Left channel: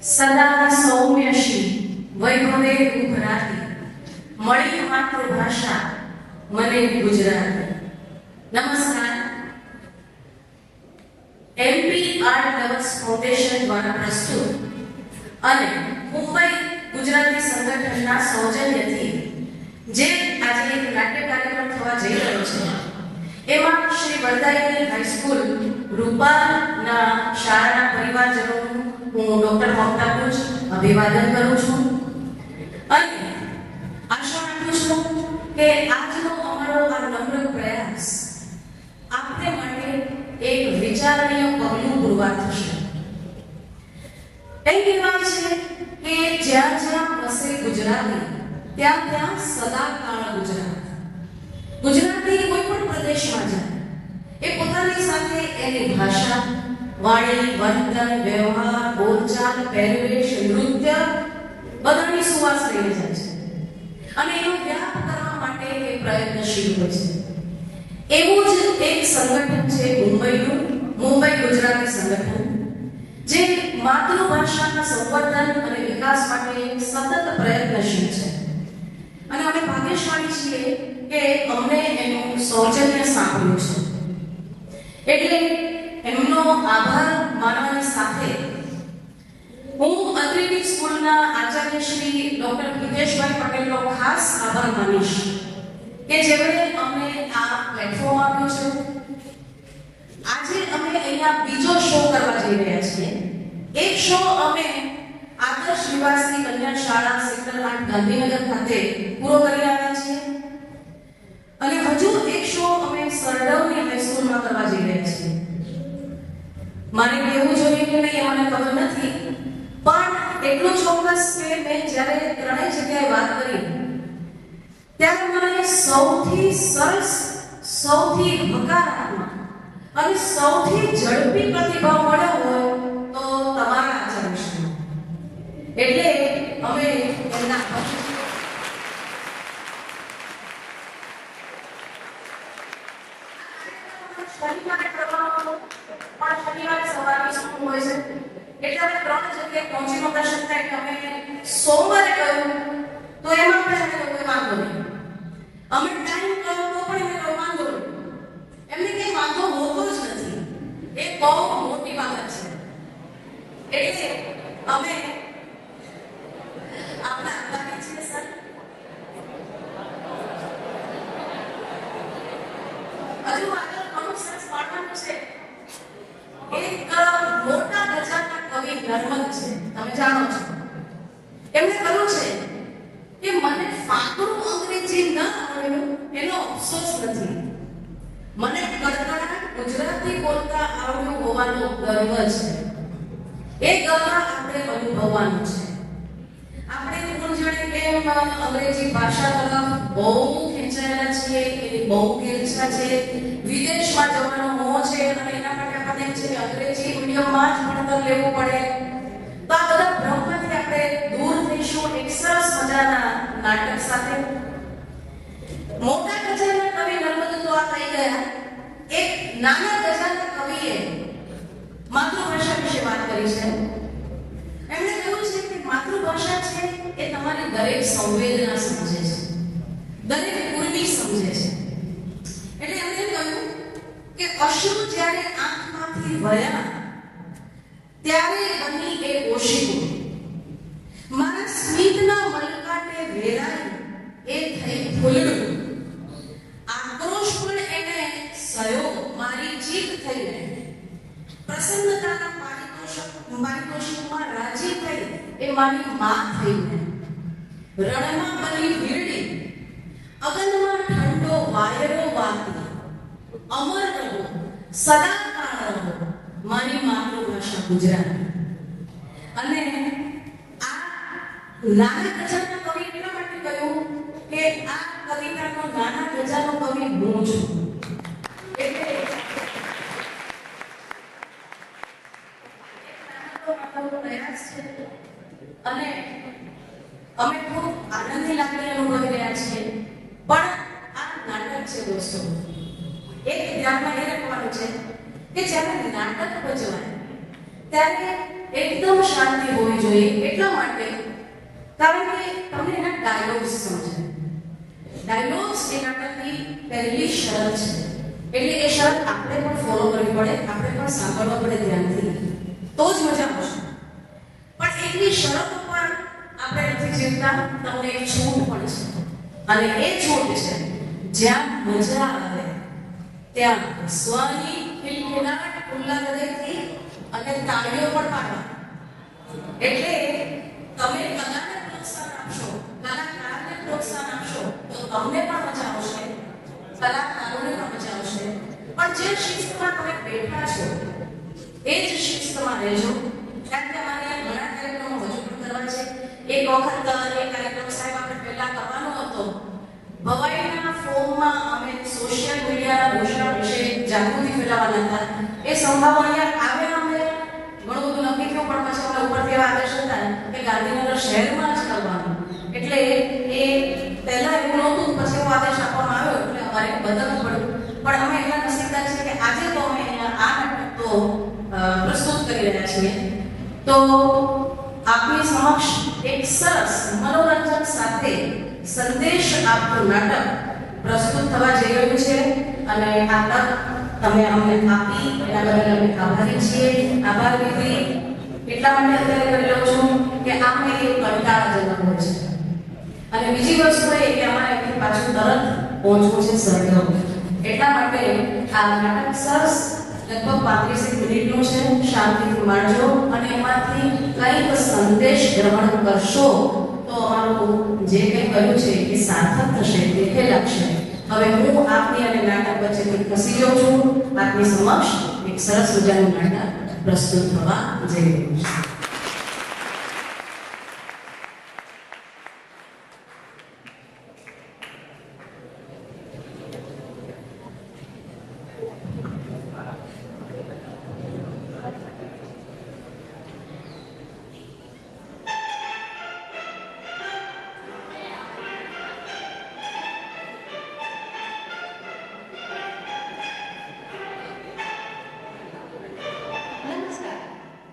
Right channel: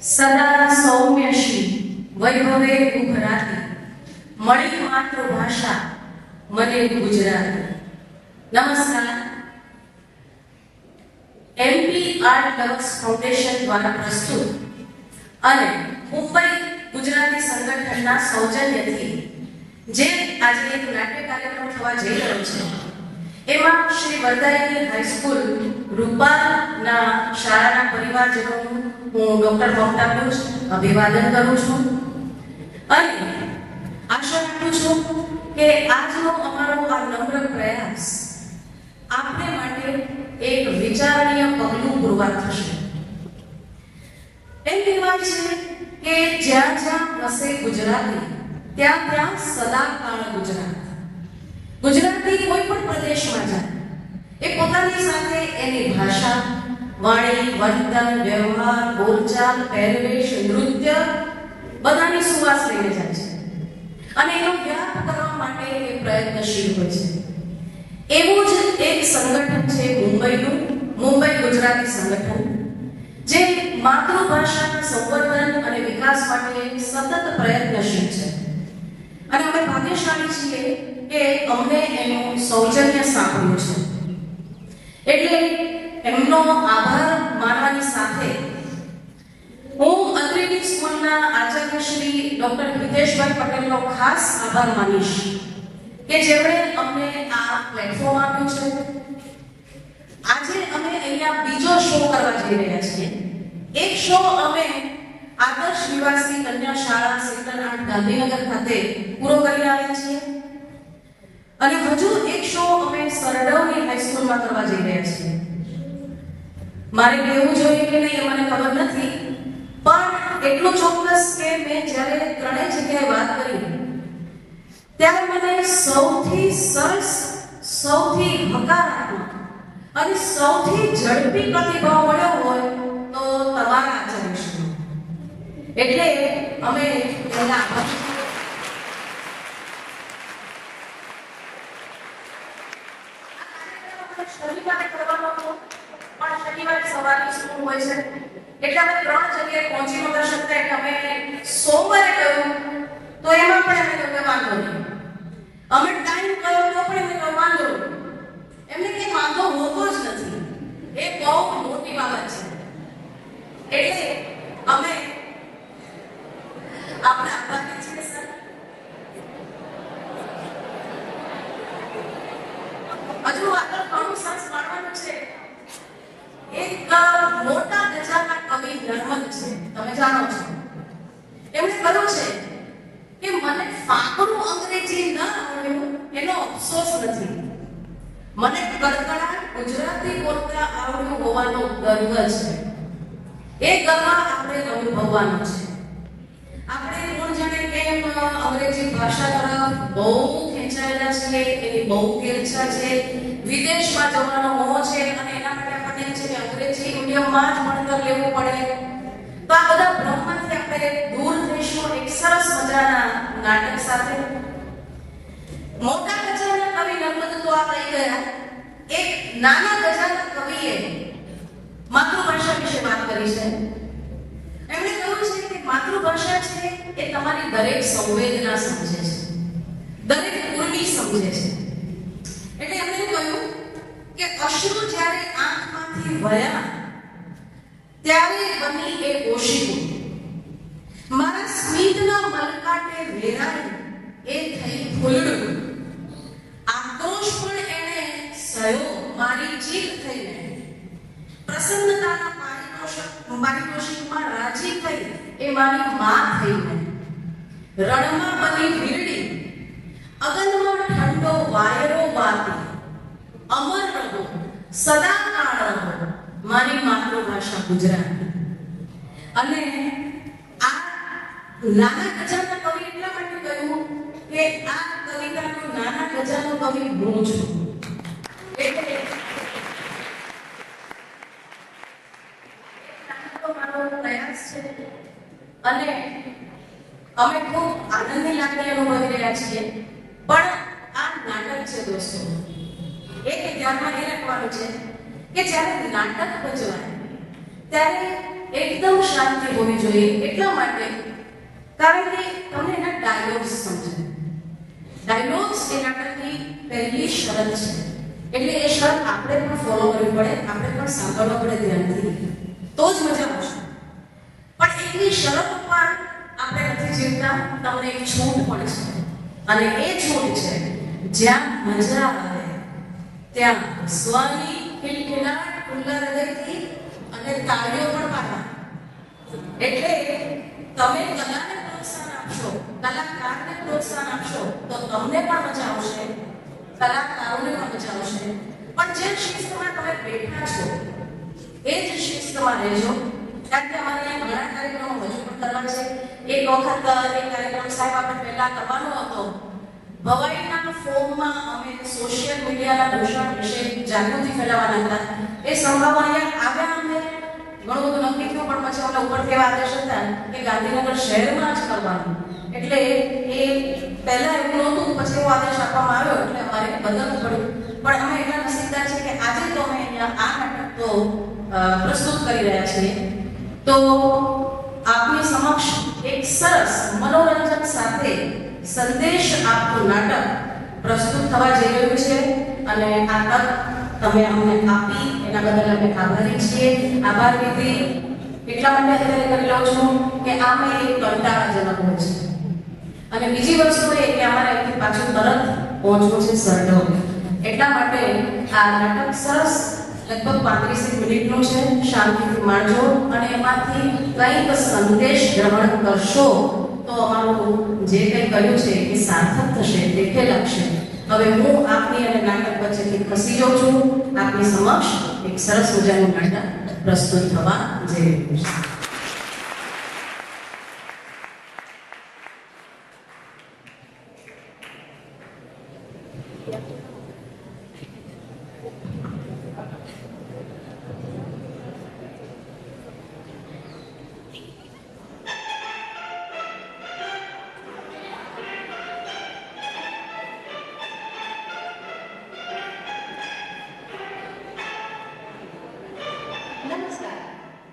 સદા સૌમ્યશી વૈભવે ઉભરાતી મળી માતૃભાષા મને ગુજરાતી. નમસ્કાર. એમપી આર્ટ લવર્સ ફાઉન્ડેશન દ્વારા પ્રસ્તુત અને મુંબઈ ગુજરાતી સંગઠનના સૌજન્યથી જે આજે એક નાટ્ય કાર્યક્રમ થવા જઈ રહ્યો છે, એમાં શ્રી વરદાયની હાઈસ્કૂલ રૂપાના શાળાના પરિવારજનોનું હું ડોક્ટર મમતા ભુજ અભિવાદન કરું છું અને આશા રાખું છું કે આજનો અમારો આ નમ્ર પ્રયાસ આપને માટે એક વિચારણીય પગલું પુરવાર થશે. એમ કહેવાય છે કે જ્યાં જ્યાં વસે ગુજરાતી ત્યાં ત્યાં સદાકાળ ગુજરાત. ગુજરાતી કોઈ પણ પ્રદેશમાં જાય એ પોતાની સાથે એની ભાષા, વાણી, વર્તન, વ્યવહાર, બોલચાલ, પહેરવેશ, નૃત્ય બધાની સુવાસ લઈને જાય છે અને એનો વ્યાપ કરવા માટે એ પ્રયત્નશીલ હોય છે. એવું જ એક સંગઠન છે મુંબઈનું મુંબઈ ગુજરાતી સંગઠન, જે માતૃભાષાના સંવર્ધન અને વિકાસ માટે સતત પ્રયત્નશીલ છે અને અમે ભાગ્યશાળી છીએ કે અમને એનું સૌજન્ય સાંભળ્યું છે. એટલે એમનો આભાર માનવાની સાથે હું અત્રેની સ્કૂલના આચાર્ય શ્રી ડોક્ટર હિતેશભાઈ પટેલનો ખાસ આભાર માનીશ કે જેમણે અમને આ પ્લેટફોર્મ આપ્યું છે. આજે અમે અહીંયા બીજો શો કરવા જઈ રહ્યા છીએ. એક શો અમે આદર્શ નિવાસી કન્યા શાળા સેક્ટર 8 ગાંધીનગર ખાતે પૂરો કરી આવ્યા છીએ અને હજુ એક શો અમે સરડવની હાઈસ્કૂલમાં કરવા જઈ રહ્યા છીએ. મારે કહેવું જોઈએ કે નહીં મને ખબર નથી, પણ એટલું ચોક્કસ કે મેં જ્યારે ત્રણેય જગ્યાએ વાત કરી ત્યારે મને સૌથી સરસ, સૌથી હકારાત્મક અને સૌથી ઝડપી પ્રતિભાવ મળ્યો હોય તો તમારા આચરણનો. એટલે અમે એમના શનિવારે કરવાનો, પણ શનિવારે સવારની સ્કૂલ હોય છે એટલે અમે 3 જગ્યાએ પહોંચી નહોતા શકતા. એટલે અમે સોમવારે કહ્યું તો એમાં પણ એમને કહ્યું વાંધો નહીં. અમે ટાઈમ કહ્યો તો પણ એમને કહ્યું વાંધો નહીં. એમને કંઈ વાંધો હોતો જ નથી. એ બહુ મોટી બાબત છે. એટલે અમે આપણે આભારી છીએ સર. હજુ આગળ ઘણું સરસ પાડવાનું છે. એક મોટા ગજાના કવિ નર્મદ છે, તમે જાણો છો. એમણે કહ્યું છે કે મને ફાકરું અંગ્રેજી ન આવડ્યું એનો અફસોસ નથી, મને કડકડાટ ગુજરાતી બોલતા આવડ્યું હોવાનો ગર્વ છે. એ ગર્વ આપણે અનુભવવાનું છે. આપણે કોણ જાણે કેમ અંગ્રેજી ભાષા તરફ બહુ ખેંચાયેલા છીએ, એની બહુ ઈચ્છા છે, વિદેશમાં જવાનો મોહ છે અને એના માટે આપણને છે કે અંગ્રેજી મીડિયમમાં જ ભણતર લેવું પડે. તો આ બધા ભ્રમમાંથી આપણે દૂર થઈશું એક સરસ મજાના નાટક સાથે. મોટા ગજાના કવિ નર્મદ તો આ કહી ગયા. એક નાના ગજાના કવિએ માતૃભાષા વિશે વાત કરી છે. એમણે કહ્યું છે કે માતૃભાષા છે એ તમારી દરેક સંવેદના સમજે છે, દરેક ઉર્મિ સમજે છે. એટલે એમણે કહ્યું કે અશ્રુ જ્યારે આંખમાંથી વહ્યા ત્યારે બની એ ઓશિકું, મારા સ્મિતના મલકાટે વેરાય એ થઈ ફૂલડું, આક્રોશ પણ એને સયો મારી જીત થઈને, પ્રસન્નતાના પારિતોષિકમાં રાજી થઈ એ મારી માં થઈને, રણમાં બની વીરડી, અગનમાં ઠંડો વાયરો વાતી, અમર રહો સદાકાળ રહો મારી માતૃભાષા ગુજરાતી. અને આ નાના ગજાના કવિ એટલા માટે કહ્યું કે આ કવિતાનો નાના ગજાનો કવિ હું છું. એટલે મારો પ્રયાસ છે અને અમે ખૂબ આનંદની લાગણી અનુભવી રહ્યા છીએ. પણ આ નાટક છે દોસ્તો, એક ધ્યાનમાં એ રાખવાનું છે કે જ્યારે નાટક ભજવાય ત્યારે એકદમ શાંતિ હોવી જોઈએ. એટલા માટે કારણ કે તમને એના ડાયલોગ્સ સમજાય. ડાયલોગ્સ એ નાટકની પહેલી શરત છે. એટલે એ શરત આપણે પણ ફોલો કરવી પડે, આપણે પણ સાંભળવા પડે ધ્યાનથી, તો જ મજા આવશે. પણ એટલી શરત ઉપર આપણે નથી જીવતા. તમને એક છૂટ પણ છે, અને એ છૂટ છે જ્યાં મજા આવે ત્યાં સ્વની ખિલખિલાટ, ખુલ્લા હૃદયથી અને તાળીઓ પણ પાડવા. એટલે તમે કલાને પ્રોત્સાહન આપશો, કલાકારને પ્રોત્સાહન આપશો, તો તમને પણ મજા આવશે, કલાકારોને પણ મજા આવશે. પણ જે શિસ્તમાં તમે બેઠા છો એ જ શિસ્તમાં રહેજો. કારણ કે અમારે ઘણા કાર્યક્રમો હજુ પણ કરવા છે. એક વખત એ કાર્યક્રમ સાહેબ આપણે પહેલા કરવાનો હતો. ભવાઈના ફોર્મમાં અમે સોશિયલ મીડિયાના દૂષણ વિશે જાગૃતિ ફેલાવવાના હતા. એ સંભાવો અહીંયા આવ્યા. અમને ઘણું બધું નક્કી થયું, પણ પછી અમને ઉપરથી એવા આદેશ હતા કે ગાંધીનગર શહેરમાં જ કરવાનું. એટલે એ પહેલા એવું નહોતું, પછી એવો આદેશ આપવામાં આવ્યો એટલે અમારે બદલવું પડ્યું. પણ અમે એટલા નસીબદાર છીએ કે આજે તો અમે અહીંયા આ નાટક તો પ્રસ્તુત કરી રહ્યા છીએ. તો આપની સમક્ષ એક સરસ મનોરંજન સાથે સંદેશ આપતું નાટક પ્રસ્તુત થવા જઈ રહ્યું છે. અને આ તક તમે અમને આપી એના બદલ અમે આભારી છીએ. આભાર વિધિ એટલા માટે અત્યારે કરી લઉં છું કે આમાં એક કંટાળાજનક હોય છે. અને બીજી વસ્તુ એ કે અમારે અહીંથી પાછું તરત પહોંચવું છે સરડો. એટલા માટે આ નાટક સરસ લગભગ 35 મિનિટનું છે. શાંતિથી માણજો અને એમાંથી કંઈક સંદેશ ગ્રહણ કરશો તો અમારું જે કંઈ કર્યું છે એ સાર્થક થશે, દેખે લાગશે. હવે હું આપની અને નાટક વચ્ચેથી ખસી જાઉં છું. આપની સમક્ષ એક સરસ મજાનું નાટક પ્રસ્તુત થવા જઈ રહ્યું છે.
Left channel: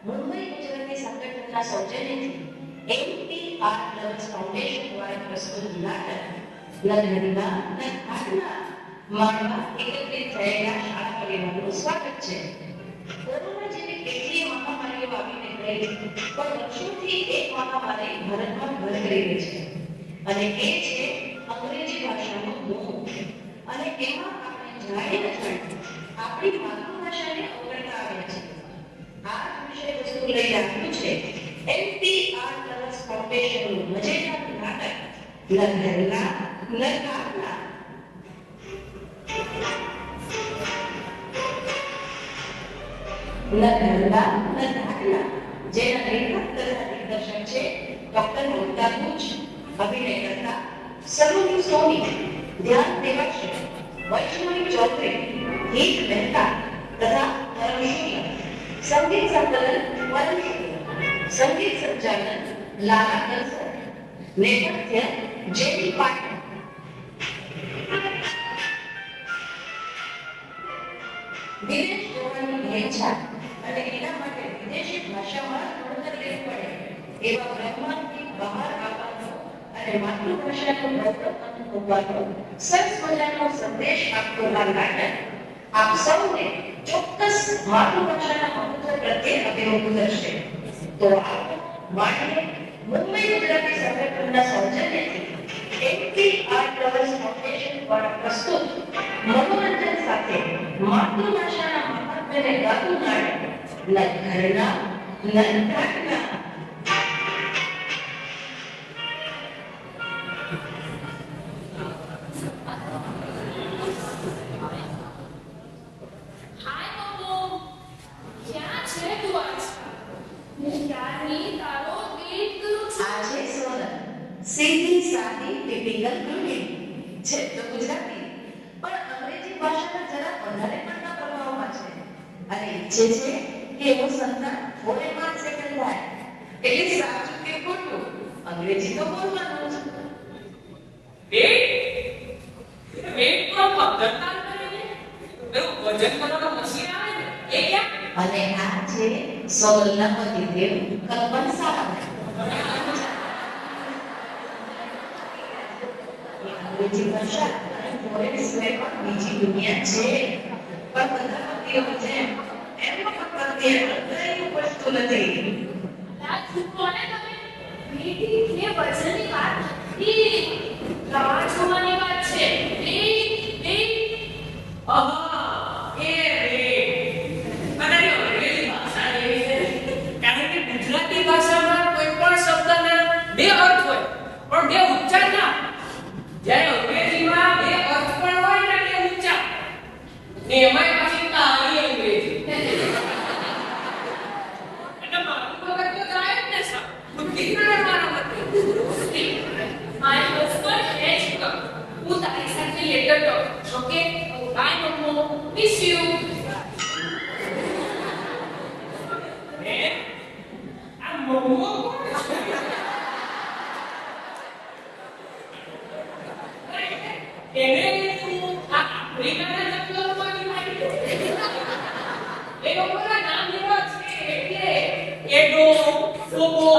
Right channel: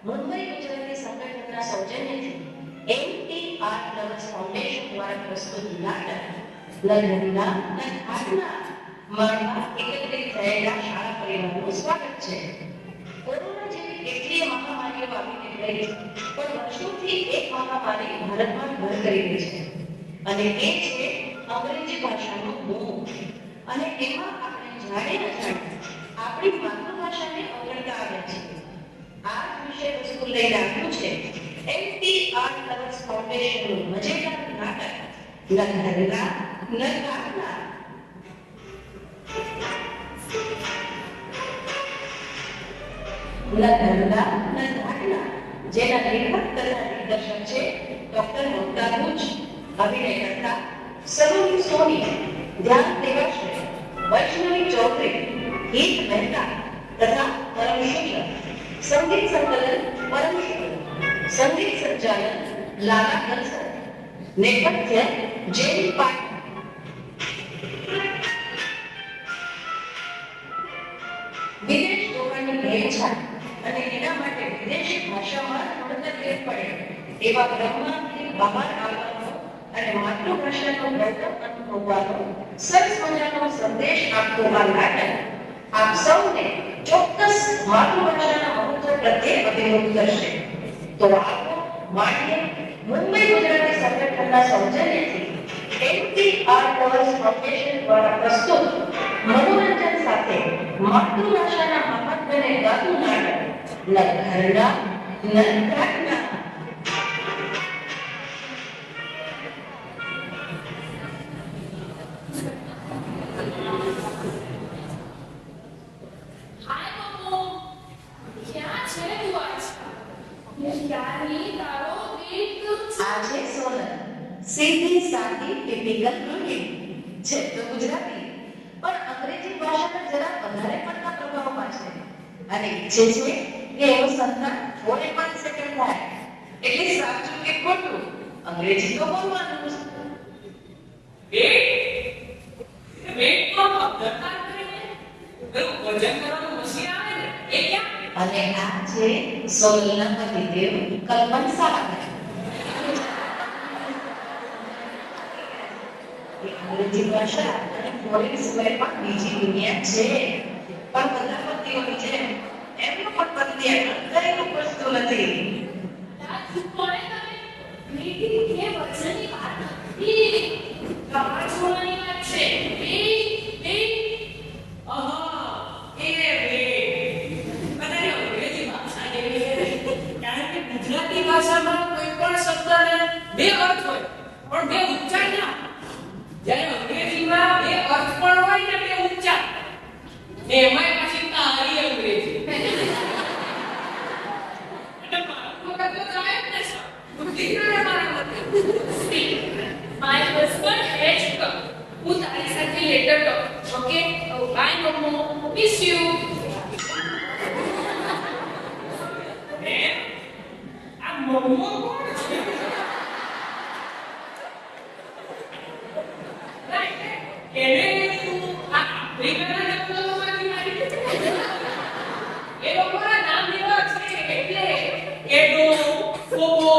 મુંબઈ ગુજરાતી સંગઠનના સૌજન્યથી MT આર્ટ લવર્સ ફાઉન્ડેશન દ્વારા પ્રસ્તુત નાટક લગ્નના અને ઘાટના માળવા એકત્રિત થયેલા શાળા પરિવારનું સ્વાગત છે. કોરોના જેવી કેટલીય મહામારીઓ આવીને ગઈ, પણ વર્ષોથી એક મહામારી ભારતમાં ઘર કરી રહી છે, અને એ છે અંગ્રેજી ભાષાનો મોહ. અને એમાં આપણે જાણીએ આપણી માતૃભાષાને અવગણતા આવ્યા છે. આ વિષય વસ્તુ લઈને આવ્યું છે MT આર્ટ લવર્સ ફાઉન્ડેશનનું મજેદાર નાટક લગ્નના નરકારના. લગ્નના નરકારના જેના લેખક તથા દિગ્દર્શક છે ડોક્ટર મમતા ભુજ, અભિનય કરતા સલોની સોની, ધ્યાન દેવાશ્રય, વૈષ્ણવી ચૌધરી, ગીત મહેતા તથા પરમ શુક્લ. સંગીત સંકલન પરમ શુક્લ, સંગીત સંચાલન લાલા દલસર, નેપથ્ય જેડી પાઠક. વિદેશ જોવાની ભેંચા અને એના માટે વિદેશી ભાષામાં ભણતર લેવું પડે એવા બ્રહ્માંડથી બહાર આવવાનો અને માતૃભાષાનો ગૌરવ અનુભવવાનો સરસ મજાનો સંદેશ આપતું આ નાટક આપ સૌને ચોક્કસ માતૃભાષાના મહત્વ પ્રત્યે અભિમુખ કરશે. તો આવો માનીએ મુંબઈ ગુજરાતી સંગઠનના સૌજન્યથી MT આર્ટ લવર્સ ફાઉન્ડેશન દ્વારા પ્રસ્તુત મનોરંજન સાથે માતૃભાષાના મહત્વને ગાતું નાટક લગ્નના નરકારના. સીધી સાદી ટિપિકલ ગૃહિણી છે તો ગુજરાતી, પણ અંગ્રેજી ભાષાના જરા વધારે પડતા પ્રભાવમાં છે અને ઈચ્છે છે કે એનું સંતાન ફોરેનમાં સેટલ થાય. એટલે સાચું કે ખોટું અંગ્રેજી તો બોલવાનું જ. વેટમાં મગજતા કરીને પેલું વજન કરવાનું મશીન આવે ને એ ક્યાં અને આ છે સોનલના પતિદેવ કલ્પન સારાભાઈ. અંગ્રેજી ભાષા અને ફોરેન સિવાય પણ બીજી દુનિયા છે, પણ બધા પતિઓની જેમ એમનો પણ પતિ કઈ ઉપજતું નથી. કોણે તમે મીઠી કે વચનની વાત નથી, રાહ જોવાની વાત છે. ગુજરાતી ભાષામાં કોઈ પણ શબ્દને બે અર્થ હોય પણ બે ઉચ્ચાર ના. જ્યારે અંગ્રેજીમાં બે અર્થ પણ હોય ને બે ઉચ્ચાર, ને એમાંય પાછી તારી અંગ્રેજી. એટલે મારું મગજ તો થાય જ ને સર. દીકરાને મારા મતે My husband has come. હું તારી સાથે લેટર ટોક. ઓકે, બાય મમ્મો, મિસ યુ. મમ્મો કોણ છે? એને તું આ આફ્રિકાના જંગલોમાંથી મારી. એ લોકોના નામ એવા છે એટલે એડો, ટોબો.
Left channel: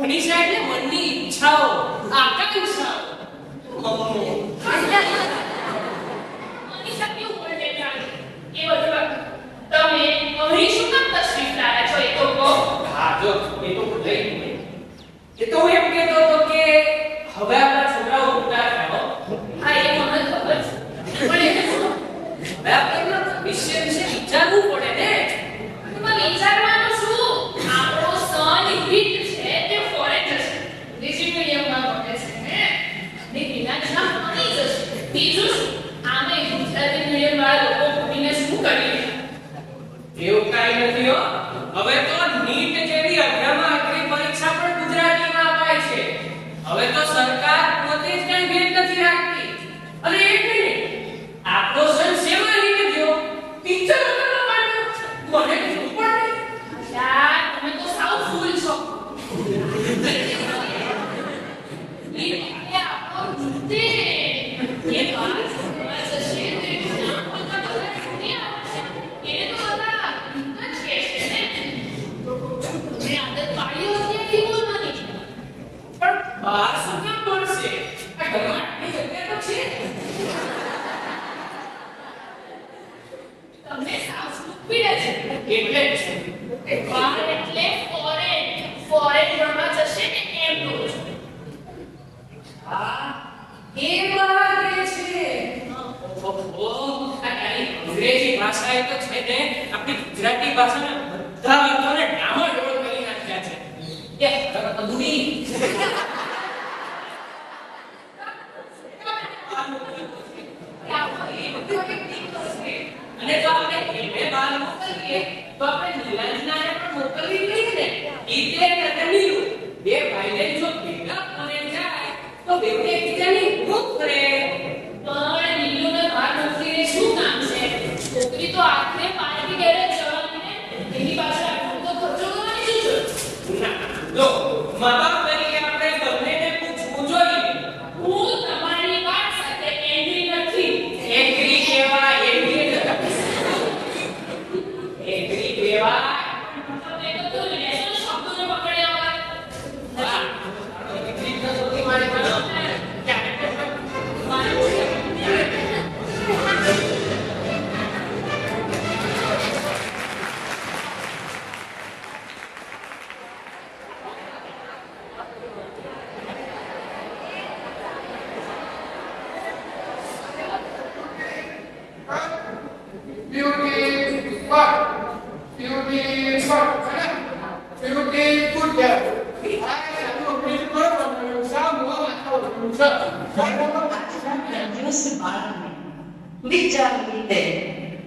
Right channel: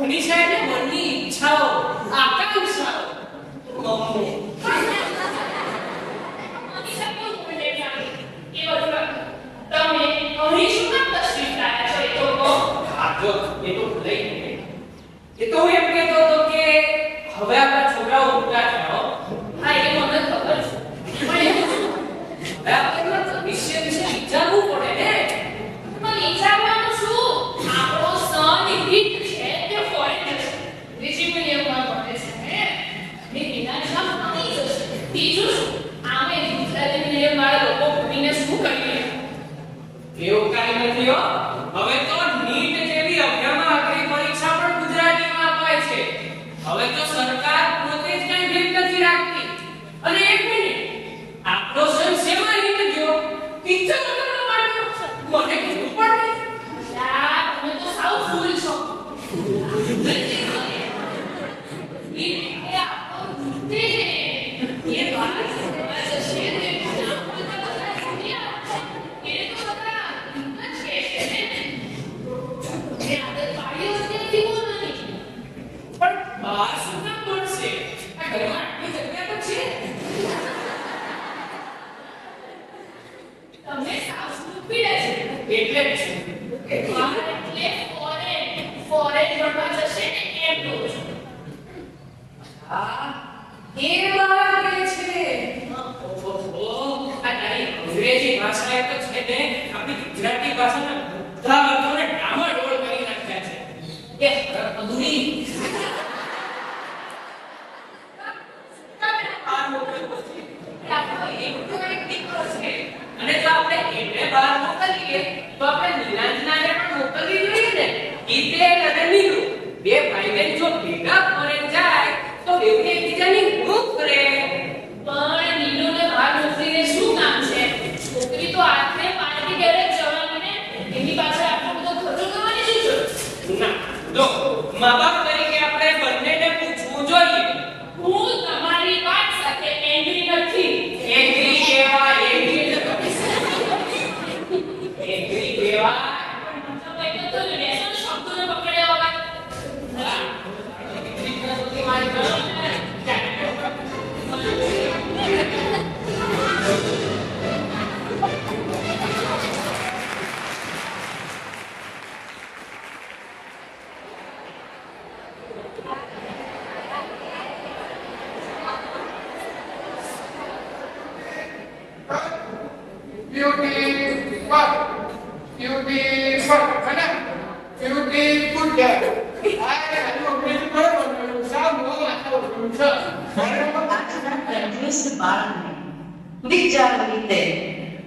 મનીષા એટલે મનની ઈચ્છાઓ, આકાંક્ષાઓ. મમ્મો મનીષા કેવું બોલે જાણે એ બધું તમે અહીં શું કામ તસવીર લાયા છો? એ તો કહો. હા જો એ તો લઈ ગઈ. એ તો હું એમ કહેતો હતો કે હવે આપણા છોકરાઓ મોટા થયા. હા, એ મને ખબર છે, પણ એ શું હવે આપણે એમના ભવિષ્ય વિશે વિચારવું પડે ને. એમાં વિચારવાનું શું? આપણો સન હિટ છે તે ફોરેન જશે, અંગ્રેજી મીડિયમમાં ભણે છે ને, અને એના જ્યાં ભણી જશે. બીજું શું, આમે ગુજરાતી મીડિયમ વાળા લોકો ભણીને શું કરીએ? એવું કાંઈ નથી હો. હવે તો નીટ જેવી અઘરામાં અઘરી પરીક્ષા પણ ગુજરાતીમાં અપાય છે. હવે તો સરકાર પોતે જ કઈ ભેદ નથી રાખતી. અને એક મિનિટ, આપણો સન શેમાં હિટ ગયો? પિક્ચર બનાવવા માટે. મને કીધું પણ નહીં. યાર, તમે તો સાવ ફૂલ છો. એ વાત સમજ હશે ને, નામ બોલતા બધા છોડી આવે છે. એ તો બધા હિંદ જ કહે છે ને. તમે આદત પાડી અત્યારથી બોલવાની. પણ બહાર શું કામ ભણશે? આ ઘરમાં આટલી જગ્યા તો છે. તમને સાવ સ્ટુપિડ છે. એટલે જ બહાર એટલે ફોરેન. ફોરેન ભણવા જશે ને એમ કહું છું. આ એ માગે છે. ઓહો, આ તારી અંગ્રેજી ભાષા એ તો છે ને આપણી ગુજરાતી ભાષાના બધા અર્થોને ડામાડોળ કરી નાખ્યા છે. એ અધૂરી અને જો આપણે એને બહાર મોકલીએ તો આપણે નીલાંજનાને પણ મોકલવી જોઈએ ને. ઈતે અને નીલુ બે ભાઈ બહેન જો ભેગા ફોરેન જાય તો બેઉને એકબીજાની ઊંઘ કરે. પણ નીલુને બહાર મોકલીને શું કામ છે? છોકરી તો આખરે પાર્ટી ઘરે જ જવાની ને, એની પાછળ આટલો બધો ખર્ચો કરવાની શું જરૂર? ના, જો મા બાપ તરીકે આપણે બંનેને પૂછવું જોઈએ. હું તમારી વાત સાથે એગ્રી નથી. એગ્રી કહેવાય, એગ્રી કહેવાય. મતલબ એ તો તું લેસન શબ્દોને પકડ્યા હોય. હા, દીકરી તો મારી પાસે beautiful kana beautiful કે આ આનું અંગ્રેજી બરાબર ને સાવ મોં માથા છે આજના તંદુરસ્ત બાળકને વિચારવી દે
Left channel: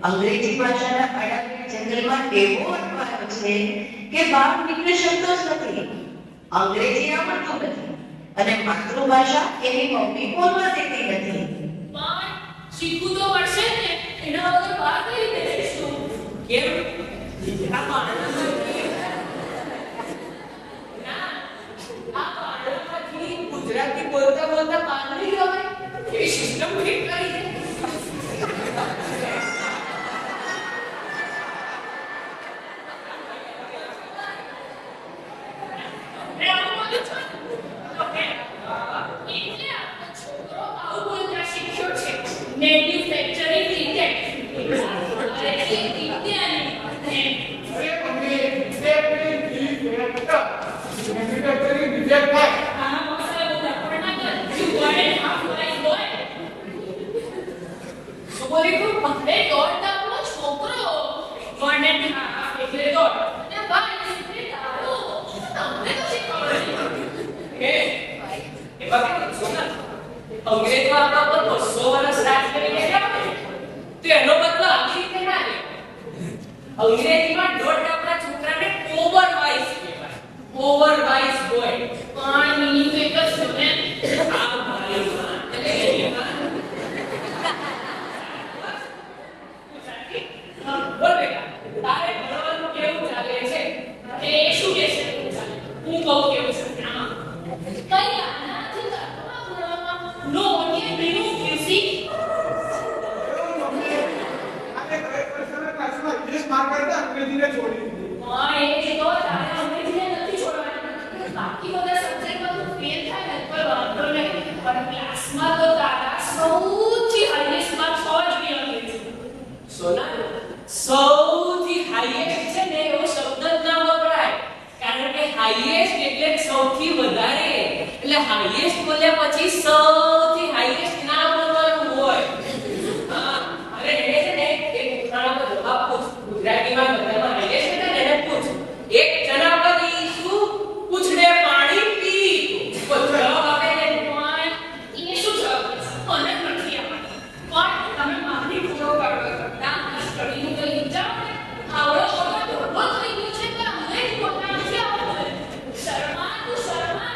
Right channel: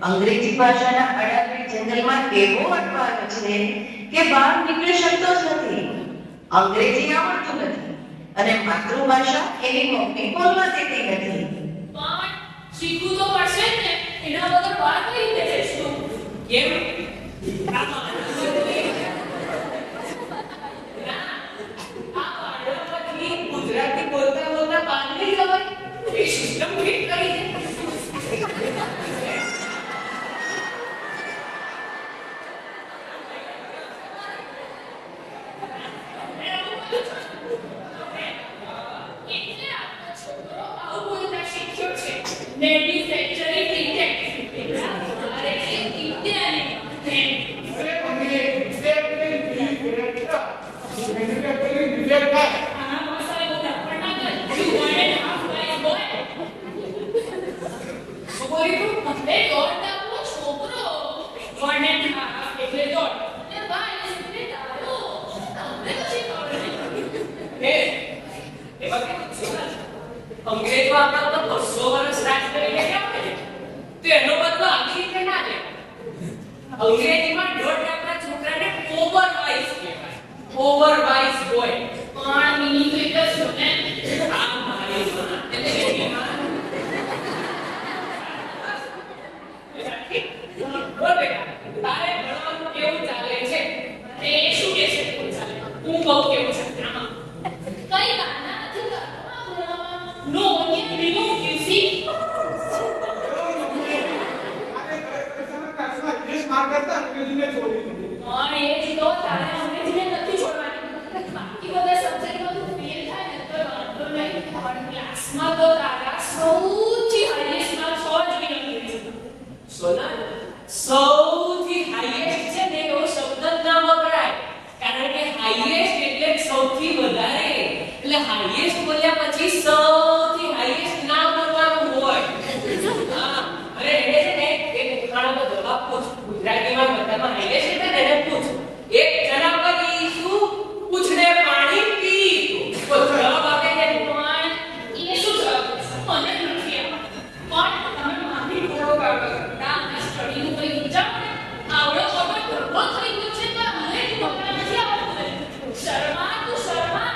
અંગ્રેજી ભાષાના અડાબેટ જંગલમાં એવો અટવાયો છે કે બહાર નીકળી શકતો જ નથી. અંગ્રેજી આવડતું નથી અને માતૃભાષા એની મમ્મી બોલવા દેતી નથી. પણ શીખવું તો પડશે જ ને. એના વગર બહાર કઈ રીતે જઈશું? કેમ? આ બાળકથી ગુજરાતી બોલતા બોલતા બહાર નહીં જવાય. એ સિસ્ટમ ફિટ કરી દે. એટલે આપણો છોકરો આવું બોલતા શીખ્યો છે. Manufacturing intake. અરે એ ઇન્ડિયાની આ મસાલો ડફર ના કર. You 1.5 wise boy. શું બોલી તું? એટલે દોડતા આપણો છોકરો 1.5 એટલે દોડ અને wise એટલે દારૂ. તમને તો શીખવાડે. એ બાકી સોના અંગ્રેજો આપણા પર 200 વર્ષ રાજ કરીને ગયા ને તો એનો બદલો આવી રીતે ના લે. અંગ્રેજીમાં દોઢ આપણા છોકરાને ઓવરવાઇઝ કહેવાય. ઓવરવાઇઝ બોય. પણ meaning તો એક જ છે ને. આ મારી માં એટલે એની માં. બોલ બેટા તારે ભણવાનું કેવું ચાલે છે? એ શું કે છે કેવું ચાલે? હું કહું કેવું છે આમાં કઈ ગાના નથી કરતા ભણવામાં. No one can remove you see. અંગ્રેજીને છોડી પણ એ જ તો તારે અંગ્રેજીને નથી છોડવાની. બાકી બધા સબ્જેક્ટમાં તું ફેલ થાય ને તો વાંધો નહીં. પણ ક્લાસમાં તો તારા સૌથી હાઈએસ્ટ માર્ક્સ હોવા જોઈએ અંગ્રેજીમાં. સોના સૌથી હાઈએસ્ટ છે ને એવો શબ્દ જ ના વપરાય. કારણ કે હાઈએસ્ટ એટલે સૌથી વધારે. એટલે હાઈએસ્ટ બોલ્યા પછી સૌથી હાઈએસ્ટ ના બોલવાનું હોય. હા અરે એને છે ને એક ઉખાણાનો જવાબ પૂછ. ગુજરાતીમાં બધામાં હાઈએસ્ટ એટલે ને એને પૂછ. એક જનાવર શું પૂછડે પાણી પી. તો જવાબ આપે છે પણ એ શું જવાબ છે? મને નથી આવડતું. પણ તમે મારી ઘોડો કાઢો કરતા અને સ્ટડીનું કંઈ વિચારો ને. આવડો મોટો ઢગલો થઈ ગયો છે તો અંગ્રેજી બોલતા નથી આવડતું. શર્મા તું શર્મા.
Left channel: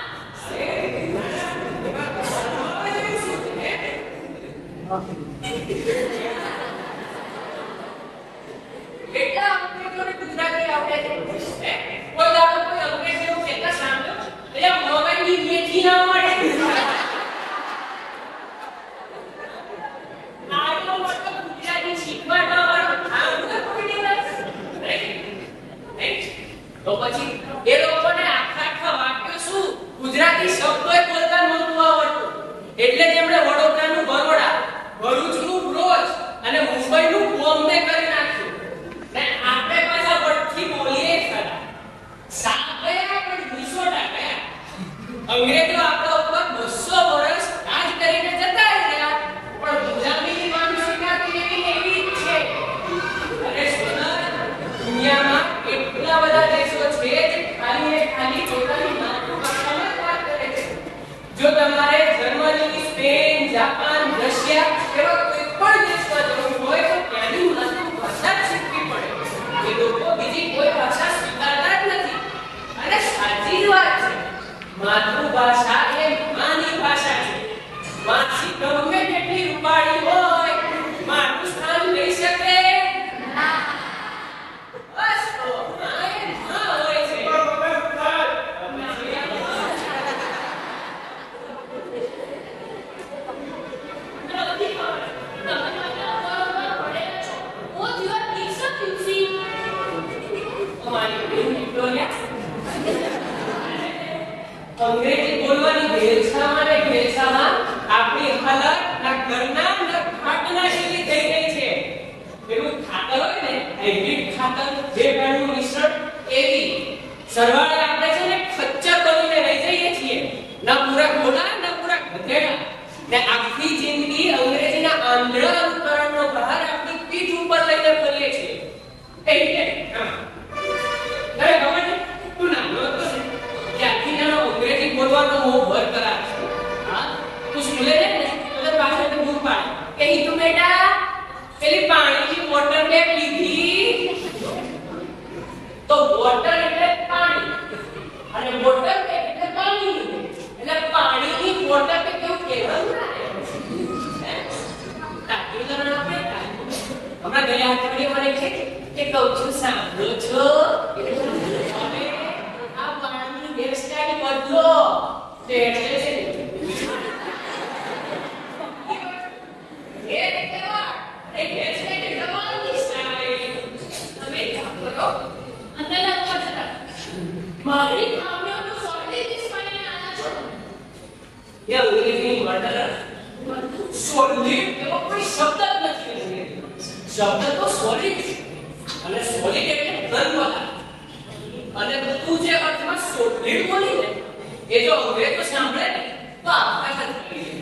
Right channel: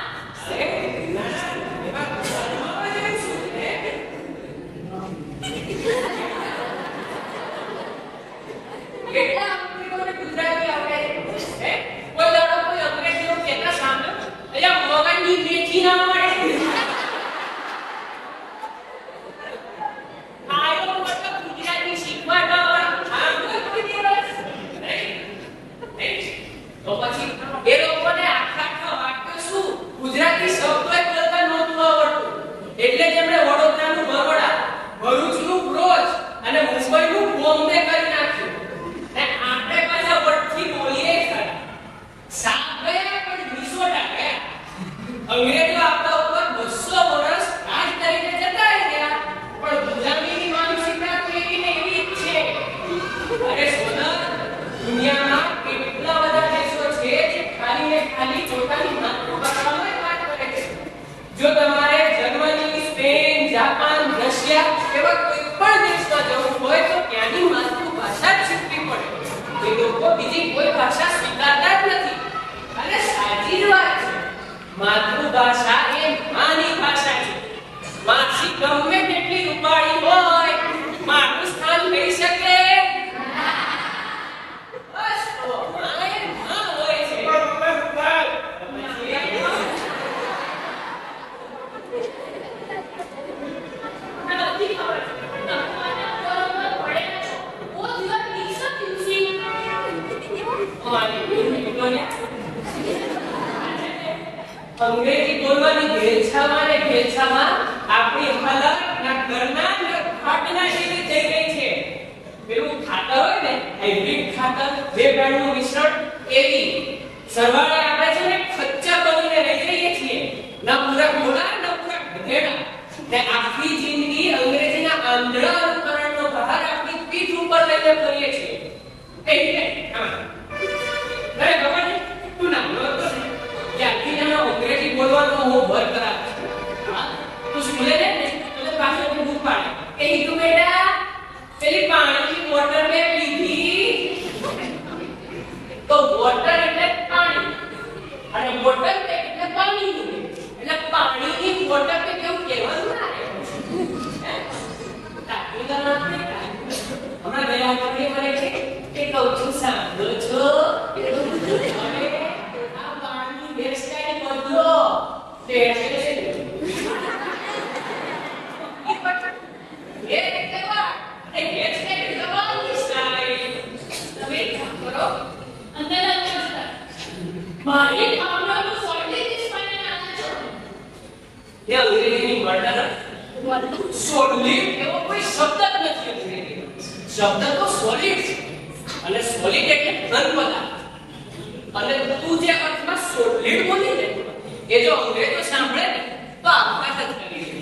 કેટલા અંગ્રેજોને ગુજરાતી આવડે છે? હે? કોઈ દાડો કોઈ અંગ્રેજ એવું કહેતા સાંભળ્યો? અલ્યા મોગનની મેથી ના મળે. આયો મતલબ ગુજરાતી શીખવાડવા વાળો આ કોઈ દિવસ નહીં. તો પછી એ લોકોને આખા વાક્યો શું ગુજરાતી શબ્દોય બોલતા નહોતું આવડતું. એટલે જ એમણે વડોદરાનું બરોડા, ભરૂચનું બ્રોચ અને મુંબઈનું બોમ્બે કરી નાખ્યું. ને આપણે પાછા વટથી બોલીએ ખરા. સાપ ગયા પણ મિસોટા ગયા. અંગ્રેજો આપણા ઉપર 200 વર્ષ રાજ કરીને જતા રહ્યા પણ ગુલામીની માનસિકતા તો એવી ને એવી જ છે. અરે સોના દુનિયામાં કેટલા બધા દેશો છે જે ખાલી ને ખાલી પોતાની માતૃભાષામાં જ વાત કરે છે. જો તમારે જર્મની, સ્પેન, જાપાન, રશિયા એવા કોઈ પણ દેશમાં જવું હોય તો ત્યાંની માતૃભાષા જ શીખવી પડે. એ લોકો બીજી કોઈ ભાષા સ્વીકારતા જ નથી. અને સાચી જ વાત છે. માતૃભાષા એ માની ભાષા છે. માસી ગમે તેટલી રૂપાળી હોય મારું સ્થાન લઈ શકે. બસ તો માં એ માં હોય છે. મને બધી ખબર છે. તમે મને બરોબર ભણેલા છો. Both you are mixed up, you see. અમારી વિક્ટોરિયા અંગ્રેજી બોલવાની ભેછામાં ને ભેછામાં આપણી હાલત ના ઘરના ના ખાટલા જેવી થઈ ગઈ છે. પેલું ખાતર હોય ને હાઇબ્રિડ ખાતર, બે ભેળનું મિશ્રણ એવી. સરવાળે આપણે છે ને ખચ્ચર બનીને રહી જઈએ છીએ. ના પૂરા ઘોડા ના પૂરા ગધેડા. ને આખી જિંદગી અંગ્રેજીના આંધળા અનુકરણનો ભાર આપણી પીઠ ઉપર લઈને ફરીએ છીએ. હા મોહ બરકરાર છે. હા, તું સ્કૂલે જાય ને તો તને પાછળથી બૂમ પાડે કે હિતુ બેટા પેલી પાણીની મોટર બેગ લીધી. તો વોટર એટલે પાણી અને મોટર બેગ એટલે પાણી. એટલે પાણીની મોટર બેગ કેવું કહેવાનું ના રે. તાતું ના આપણે હમણાં ગયા અઠવાડિયે મને કે કહું છું સાંભળો છો હવે આ પાણીની હેરસ્ટાઈલ બદલો. હેરસ્ટાઈલ મારી ભાવનાનો સોલિડ ઇન્સ્પાયર આના છો એ અંગ્રેજીની મર્ડર સોલિડ એવો કોઈ શબ્દ જ નથી અંગ્રેજીમાં. શબ્દ તો સોલિડ છે અને સોલિડ એટલે ઘન પદાર્થ. અને તું જે અર્થમાં સોલિડ બોલી ને એ જો અંગ્રેજો સાંભળે ને તો આપઘાત જ કરી દે.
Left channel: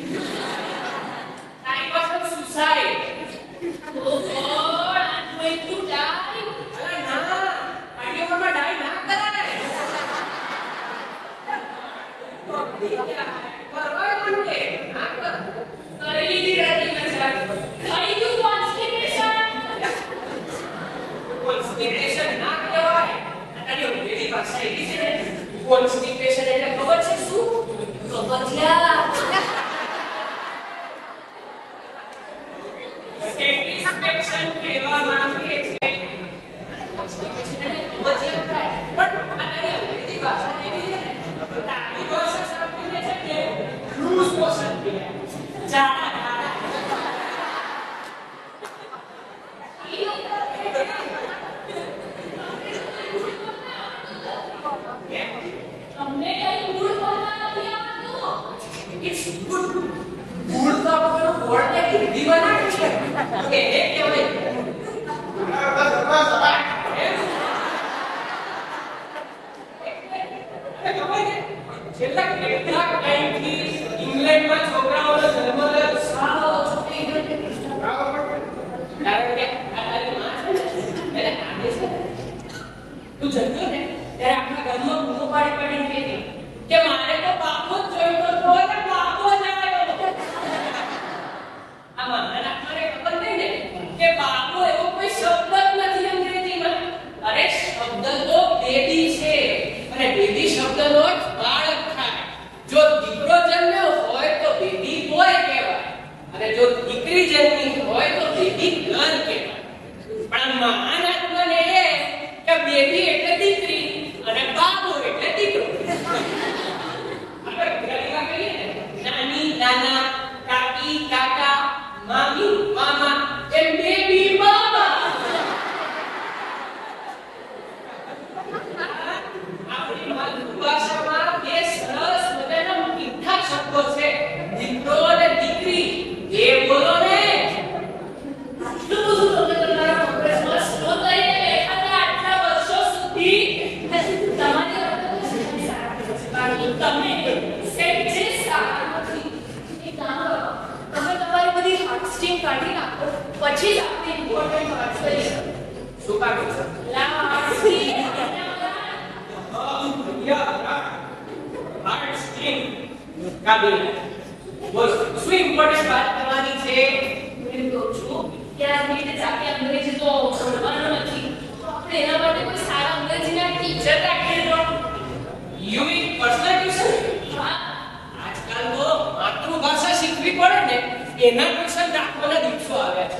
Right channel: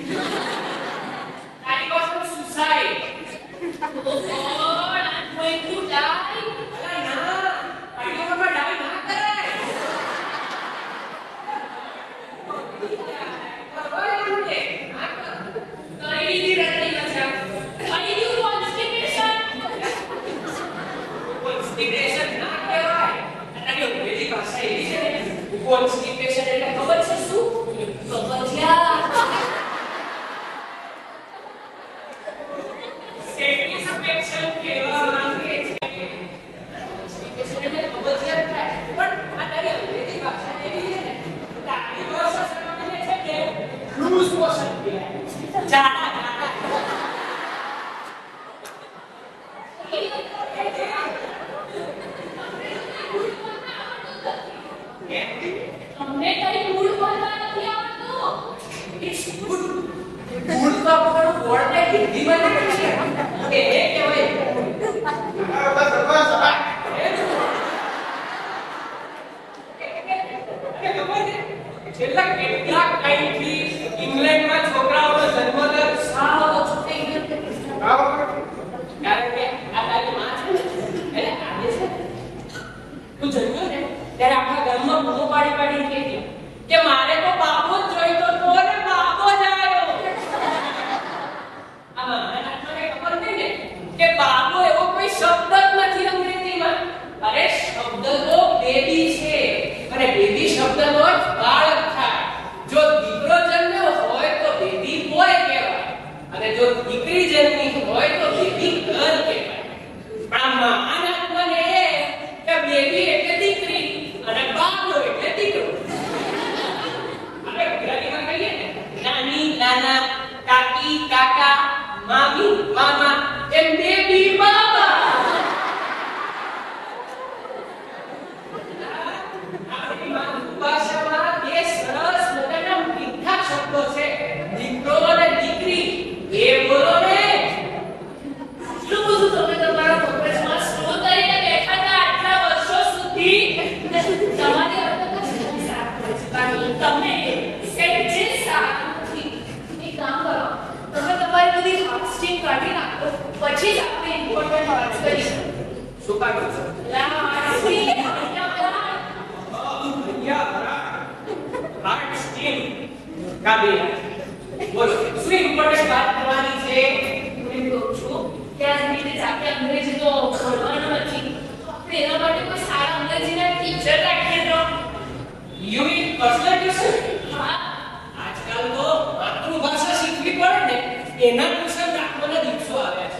તારી પાસે suicide. Oh God, I'm going to die. અલા ના, પાટીઓમાં ડાઈ ના કરાય. પરવાય મને ના કર. કરી લીધી રહેતી મજા. થઈ ગયું કોન્સ્ટિપેશન. કોન્સ્ટિપેશન ના કહેવાય. તારી અંગ્રેજી ભાષા એવી છે ને કોન્સ્ટિપેશન એટલે ખબર છે શું? કબજિયાત. સેટિસ્ફેક્શન કહેવામાં આવે છે. કોન્સ્ટિપેશન એટલે કબજિયાત થાય. પણ આ તારી અંગ્રેજી ભાષા એવી છે ને તારી ભાષા સમજીને છે કે લૂઝ મોશન કહેવાય. જાડા જાડા. અમને કઈ મૂળ બોલતા નથી આવડતું. It's good. ગુડ તો આપણો વર્ડ હિન્દીમાં ના કહીએ કે એ કહેવાય ગુડ. છેલ્લા કેટલાક ટાઈમથી ઇંગ્લેન્ડમાં છોકરાઓનો જન્મદર સાવ ઓછો થઈ ગયો છે. કારણ કે આ તારી માં છે ને એટલે આજે છે ને તું જન્મ્યો ને ત્યારે આખા ગામમાં બૂમો પાડી પાડીને કહેતી કે મારે તો બાપો જ જોઈતો તો ને બાપો જ આવ્યો. આ મારા મને ખબર નહીં ને કે બાપો એવો કોઈ શબ્દ જ નથી અંગ્રેજીમાં. અરે શબ્દ તો બેબી છે અને બેબી શબ્દનો અર્થ બાળક થાય. જો દીકરો જન્મ્યો હોય તો બેબી બોય કહેવાય અને જો દીકરી જન્મી હોય તો બેબી ગર્લ કહેવાય. પણ આ મહાન આત્માને એ કે બેબી એટલે દીકરી અને બાબો એટલે દીકરો. આપણે ગુજરાતીમાં કહીએ ને નાની નાના, કાકી કાકા, મામી મામા એમ બેબી બાબા. આપણી માતૃભાષામાં બે સરસ મજાના મીઠા શબ્દો છે દીકરો અને દીકરી. એ બોલો ને. આટલું બધું તમે તમારા મગજમાં સ્ટોર કરીને બેઠા હતા આટલા વર્ષો સુધી. તમારી અવતર સારું તમે સેટ જે સારું નથી. એક કામ કરો, તમે તમારી બધી હાર્ટ સ્ટીમ કાઢી નાખો પછી જ આપણે ઇમ્પોર્ટન્ટ વર્ડ્સ કરીશું. શું કાઢું? હાર્ટ સ્ટીમ હાર્ટ સ્ટીમ કાઢી નાખ. બોલો શું ઇમ્પોર્ટન્ટ વાત કરવાની છે? હું એમ કહું છું કે આ રીતે જાતે અંગ્રેજી તો ભણવાનું નથી. આપણે એના માટે કોઈ સારા અંગ્રેજીના ટીચર રાખીએ તો. You mean personal tuition? હા, આજકાલ તો માતૃભાષા શીખવી પડે ને એના ટ્યુશન રાખવાના દિવસો આવ્યા છે.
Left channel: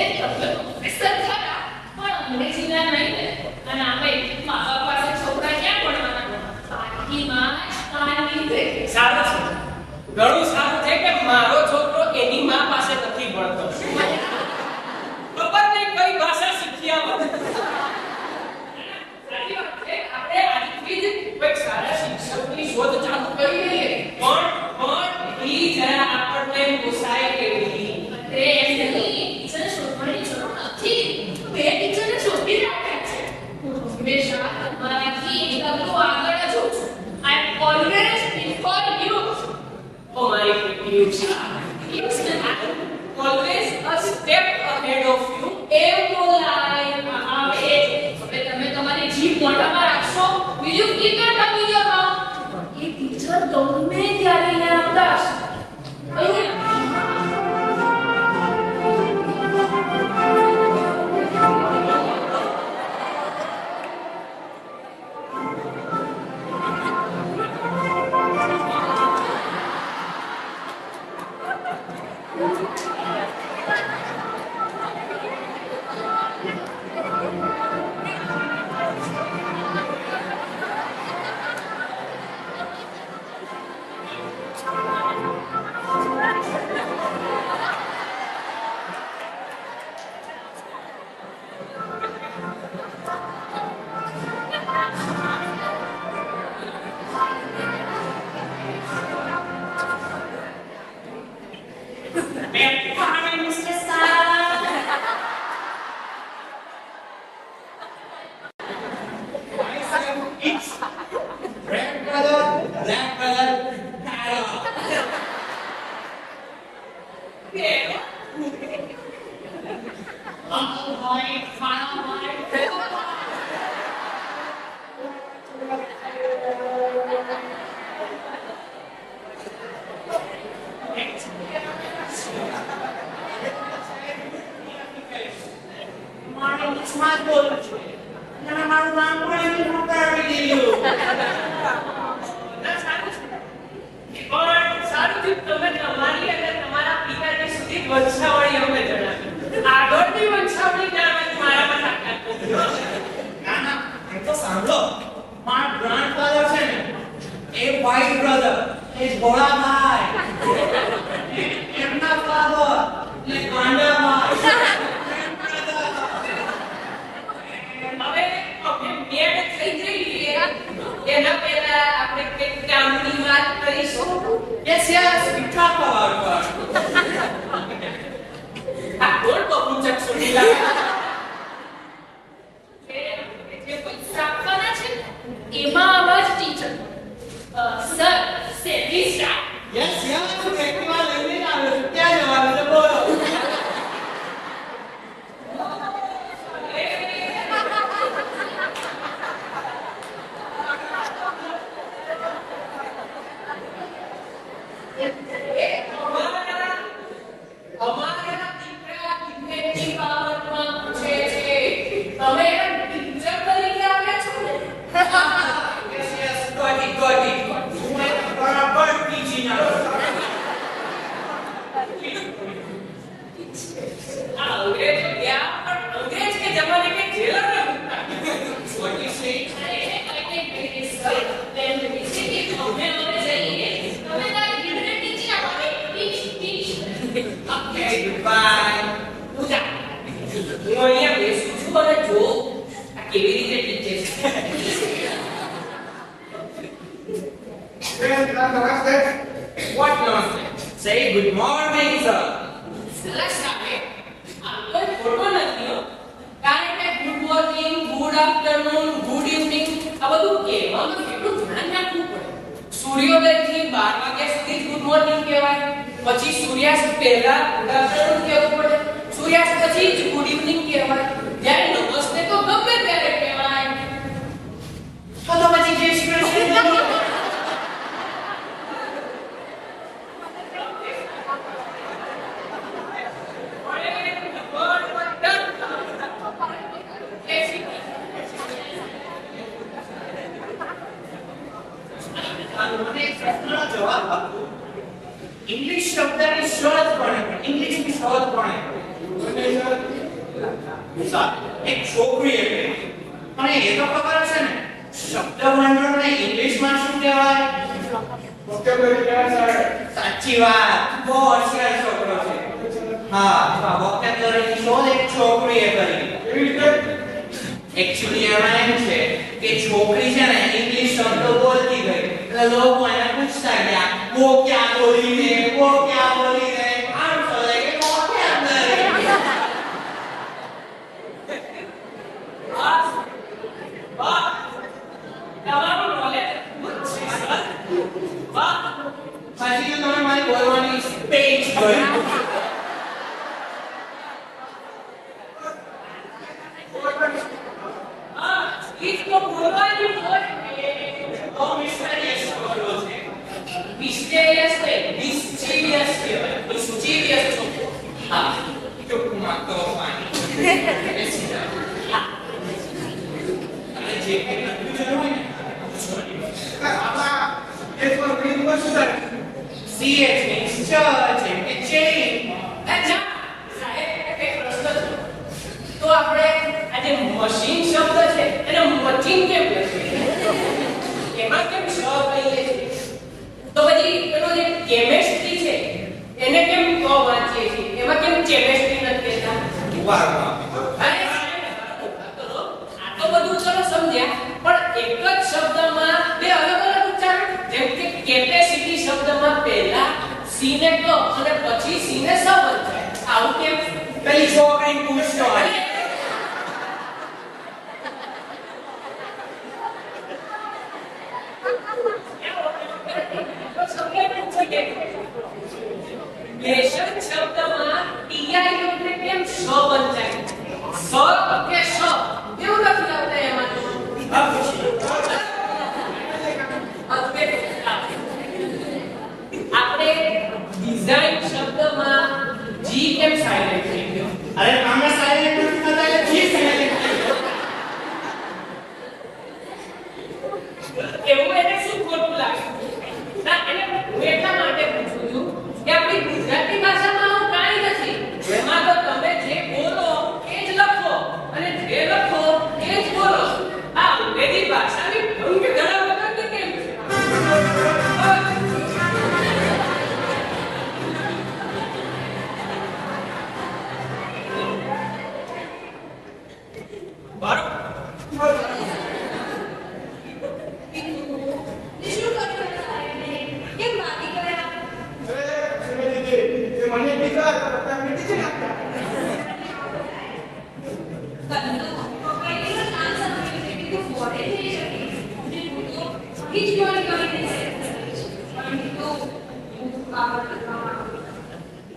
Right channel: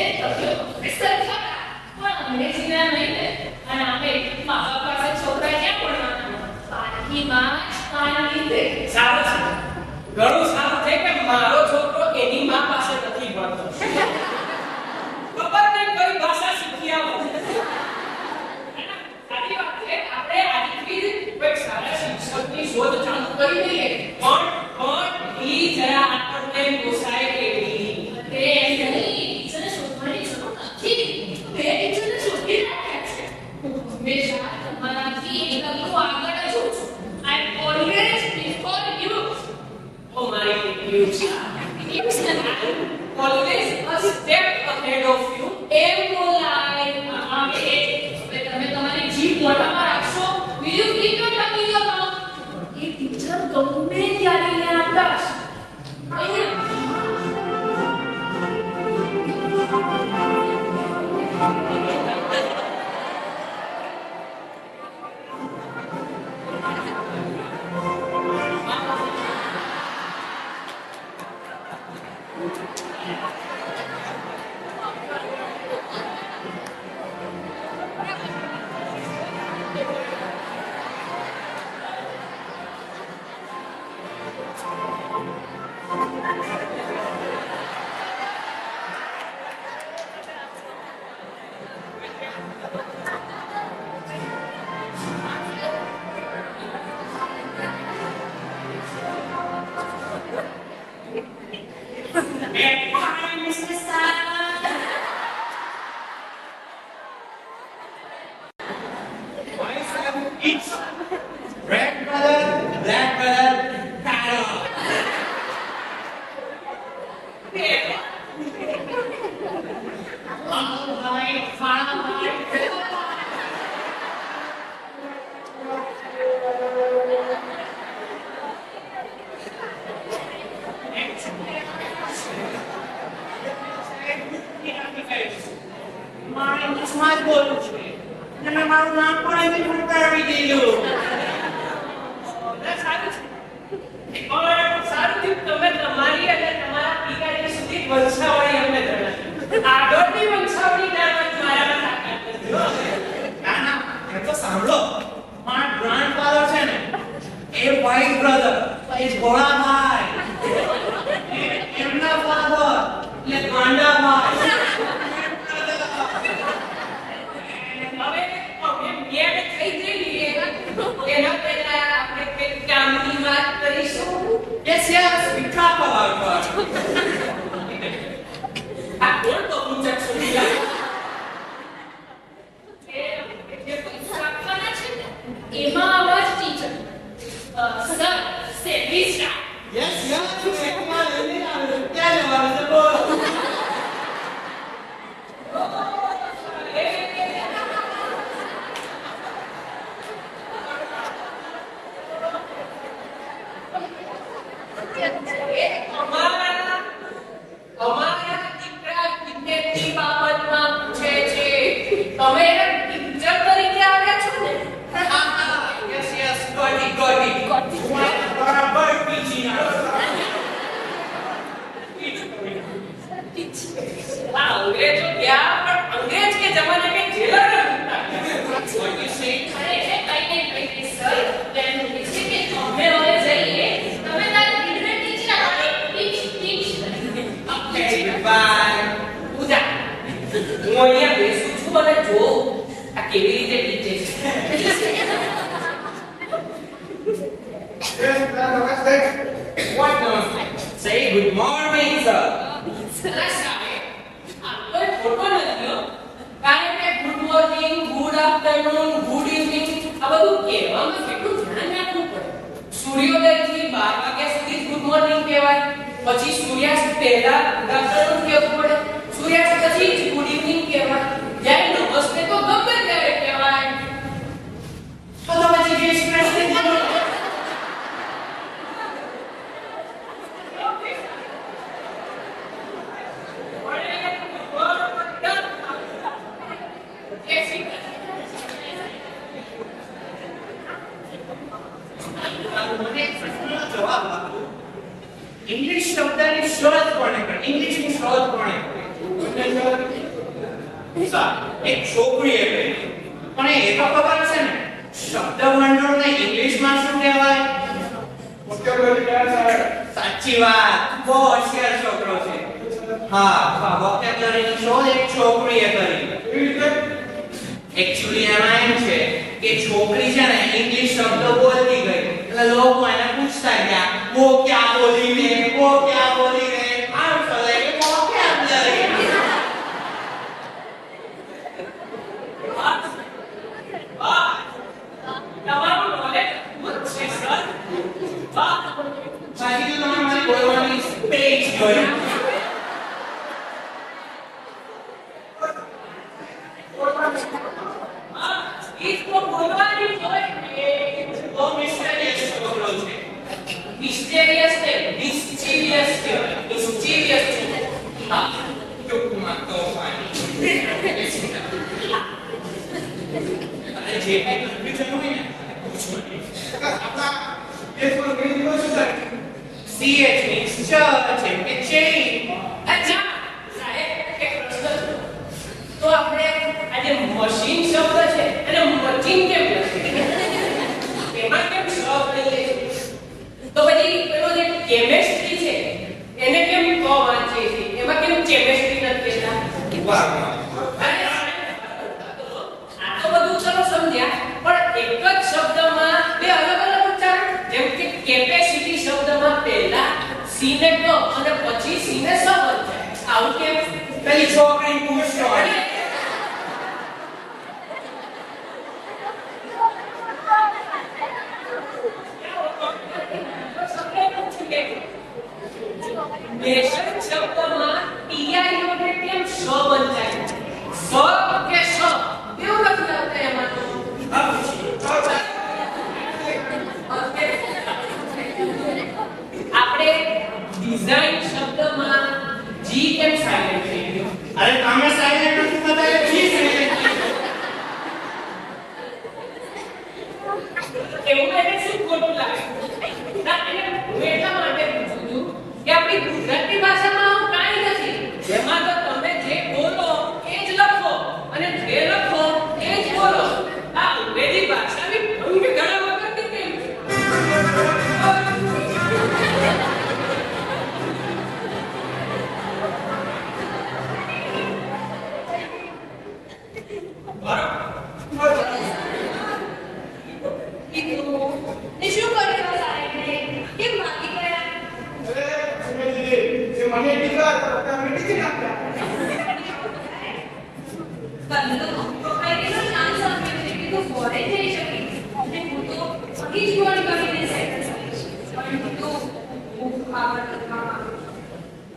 એ તમે પ્રોફેસર ખરા પણ અંગ્રેજીના નહીં ને. અને આમે મા બાપ પાસે છોકરા ક્યાં ભણવાના? પારખીમાં જ કાન લીધે. સારું છે, ઘણું સારું છે કે મારો છોકરો એની માં પાસે નથી ભણતો. ખબર નહીં કઈ ભાષા શીખી આવો. સાચી વાત છે. આપણે આજથી જ કોઈ સારા શિક્ષકની શોધ ચાલુ કરી દઈએ. પણ ઈ જરા આપણને પોસાય એવી. અરે એમ નહીં, ટીચરને શોધવાની જરૂર નથી. બે ટીચરને શોધી રાખ્યા છે. હું હંમેશા તમારાથી એક ડગલું આગળ જ હોઉં છું. આઈ એમ ઓલવેઝ બિફોર યુ. ઓ મારી પ્રિયુષા, always a step ahead of you. એમ બોલાય. હવે તમે તમારી જીભ મોઢામાં રાખશો. will you keep your tongue in your mouth? A teacher ગમે ઉદાસ અહીંયા It's red brother, black brother, Tara. લાલ ભાઈ કાળા ભાઈ મારે ઇંગ્લિશમાં જ બોલવું છે અને મેં મારું નામ પણ ઇંગ્લિશમાં કરાવી દીધું સારું છે પણ સારું થયું તમે તમારી અને તમારા પિતાજી સુધી જ વંશાવળી અમને જણાવી આગળની વંશાવળી જાણવાની મારામાં તાકાત નથી ના ના એ તો સાંભળો મારા ગ્રાન્ડફાધર છે ને એ વ્હાઈટ બ્રધર એ ભોળા ભાઈ એમના ફાધર એટલે ગાંડા ભાઈ હવે અમે મેળ થઈ જઈએ એના પહેલા આપણે કંઈક કામની વાત કરીશું yes yes we talk about what આ કોણ બબુ ચક્ષુ નીલા જે પૈસા આપવાના છે ને એમાં આવા જ teacher sir saving staff yes yes એકવાર લઈને આવે છે ક્યાં જવાનું છે બોલો અમારા દીકરા ક્રિકેટની બાબતમાં પૂછે છે તમે ટીચર તરીકે આવ્યા છો ને yes yes got it હું મારા બરાબર પીજી ના અંગ્રેજો ગયા પણ અંગ્રેજ કે જમાને કે જેલર ને પૂછતા what you say સર એમ કહે છે કે અમે હવે જઈએ તમે તાર લીડને ટીચ ના કરે ટીચ okay goodbye પૂજા હું અહીંયા બેસું છું અને જો આ કેવી રીતે ટીચે છે નમસ્તે. what namaste say good morning sir સરસ આવે આ કોઈ ફોટો નથી હો કારણ કે good morning good afternoon good evening આ બધું કહેવામાં કેટલું ધ્યાન રાખવું પડે સૂર્યોદયથી 12 વાગ્યા સુધી ગુડ મોર્નિંગ કહેવાય પછી સૂર્યાસ્ત પહેલા ગુડ આફ્ટરનૂન કહેવું પડે સૂર્યાસ્ત પછી જ ગુડ ઇવનિંગ કહેવાય જ્યારે નમસ્તે તો ગમે ત્યારે કહેવાય તો પછી જય શ્રી કૃષ્ણ બોલો મને એક પ્રશ્નનો જવાબ આપો ઇંગ્લિશ શબ્દની શોધ કોણે કરી ઇંગ્લિશની શોધ કોણે કરી એક છોકરીએ કરી પણ એ તો ખબર છે ને શબ્દ ભંડોળને ઇંગ્લિશમાં શું કહેવાય vocabulary કહેવાય સાહેબ. સાચી વાત બહુ હોશિયાર છોકરો છે હા વોકેબ્યુલરીની શોધ એક છોકરીએ કરી કેવી રીતે? એકચ્યુઅલી એમાં એમ છે કે છોકરી છે ને ઇંગ્લિશ શબ્દો બોલતી ગઈ એટલે લોકો એને પૂછતા ગયા વો ક્યાં બોલી રે આમ ચલે એ વોકેબ્યુલરી વાહ તમારું નોલેજ ખૂબ છે સર વાહ પછી તો તમે મારી બોલવાની સ્પીચ જોઈ ઈજ તો બોલવાની હોય તો મિસ્ટેરિયસ છોકરો છે મિસ્ટેરિયસ નહીં કહેવાય. એ સુચીવિયસ છો. હા. ટૂંકમાં તોફાની. બેસી જાઓ. અને જે કંઈ કન્ફ્યુઝન હોય ને પૂછો નહીં. આપણા દેશમાં અંગ્રેજી માં શું થાય? CH means church એમ કે chain. અચ્છા સાહેબ એક પ્રશ્ન છે. તો આપણે આ જે મશીન શબ્દ છે એને મચીન કેમ લખીએ? એમાં કેમ સ કહીએ છીએ? તો પછી પેલો જે કેમેસ્ટ્રી છે એને કેમ ક વાંચીએ છીએ? એમાં કેમ કેમેસ્ટ્રી નથી કહેતા? વાહ વાહ. અરે આ તો બધું ચલો સમજ્યા, પણ એક જ શબ્દમાં બે અલગ અલગ ઉચ્ચારણ. જેમ કે કેપેસિટી શબ્દમાં પહેલા સી ને ક અને પછી સી ને સ બનશે. આવું કેમ? પેલી છોકરી પૂછતો અરે, નેશન શબ્દમાં ટીઆઈ નો ને કેમ સ બનચાય? સ કે શ કેવું નથી આવતા એમાં તો? આપણે ડિઝાઇન શબ્દમાં જી કેમ સાયલેન્ટ થઈ ગયો? અરે તમે સાયલેન્ટ નથી થતા એટલે જી સાયલેન્ટ. એવું એને શું ખોટું લાગે? ના એને હું એટલા માટે પૂછું છું કે આપણી ગુજરાતી ભાષામાં આવું કાંઈ નથી. જેમાં તો તમે જે બોલો એ જ લખો અને જે લખો એ જ બોલો. આ અંગ્રેજી ભાષાની ભંગ ગળા વગરની કેમ છે? તે શું કર્યું સાહેબને? કેમ ભાગી ગયા? જે મને દીકરા તમે ટીચી નાખ્યા. પપ્પાએ કેટલો ચાન્સ આપ્યો છે કે તું ફોરેન જઈ શકે અને હું તો અહીં જ ગોળી કરીને સેટ થઈશ. પણ તું હું ખબર કરવામાં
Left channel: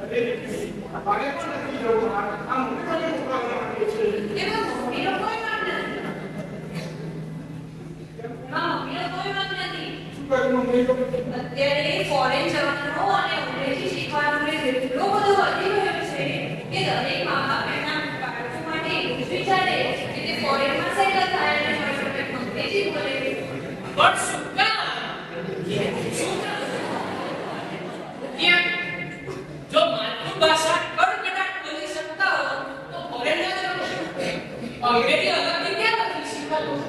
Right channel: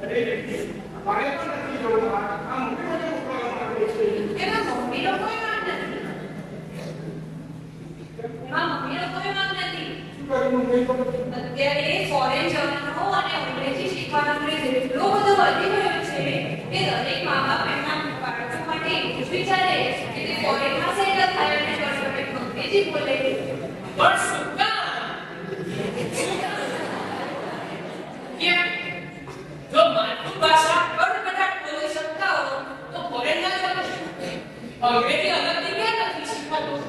અરે મારે પણ નથી જવું. આ મોટી મને મોકલવામાં આવ્યો છે. એમાં મમ્મીનો કોઈ વાંક નથી. એમાં મમ્મીનો કોઈ વાંક નથી. શું કરવું નહીં ખબર. અત્યારે ફોરેન જવાનો અને અંગ્રેજી શીખવાનો ક્રેઝ એટલો બધો વધી ગયો છે કે દરેક મા બાપ એમના બાળકો માટે એવું જ વિચારે કે તે ફોરેનમાં સેટલ થાય અને પરફેક્ટ અંગ્રેજી બોલે. પણ શું કામ? ક્યાં? જો માતૃભાષા કડકડાટ બોલી શકતા હો તો ફોરેન ના જાઓ. અંગ્રેજી અલગથી ક્યાં નથી શીખવાતું?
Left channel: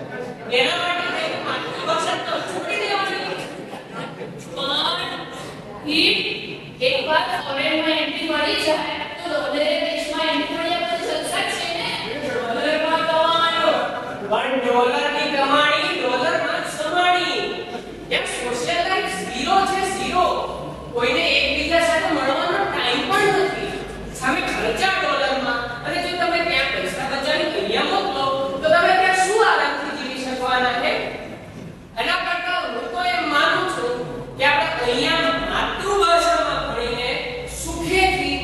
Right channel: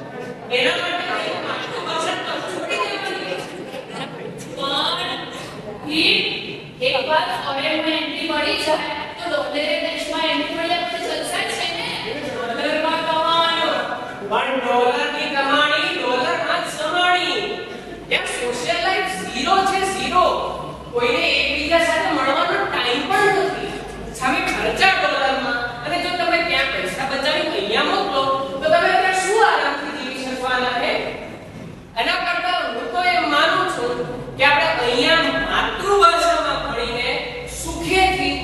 એના માટે કંઈ માતૃભાષા તો છોડી દેવાની. પણ એકવાર ફોરેનમાં એન્ટ્રી મળી જાય તો ડોલરે દેશમાં એન્ટ્રી મળ્યા પછી સંસાર છે ને. ડોલરમાં કમાયો પણ ડોલરની કમાણી ડોલરમાં જ સમાણી. એમ સોશિયલ લાઈફ ઝીરો છે ઝીરો. કોઈને એકબીજા સાથે મળવાનો ટાઈમ પણ નથી. સામે ખર્ચા ડોલરમાં અને જો તમે ત્યાં પૈસા બચાવી અહીંયા મોકલો તો તમે ત્યાં શું આરામથી જીવી શકવાના છે? એના કરતા હું તો એમ માનું છું કે આપણે અહીંયા માતૃભાષામાં ભણીને સુખેથી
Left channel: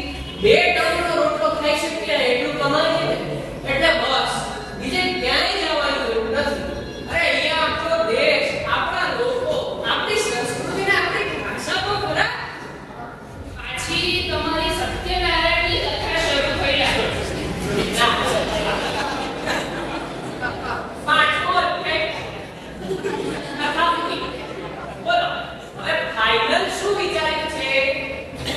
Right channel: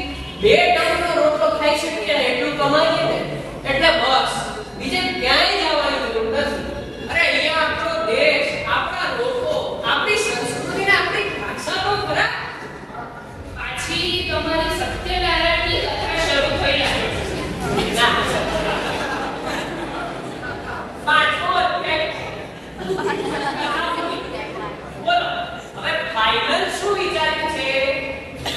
2 ટાઈમનો રોટલો ખાઈ શકીએ ને એટલું કમાઈએ ને એટલે બસ બીજે ક્યાંય જવાની જરૂર નથી. અરે અહીંયા આપણો દેશ, આપણા લોકો, આપણી સંસ્કૃતિ ને આપણી ભાષા તો ખરા. પાછી તમારી સત્યનારાયણની કથા શરૂ થઈ રહી છે. ના. 5મો અધ્યાય. બોલો હવે ફાઇનલ શું વિચાર્યું છે?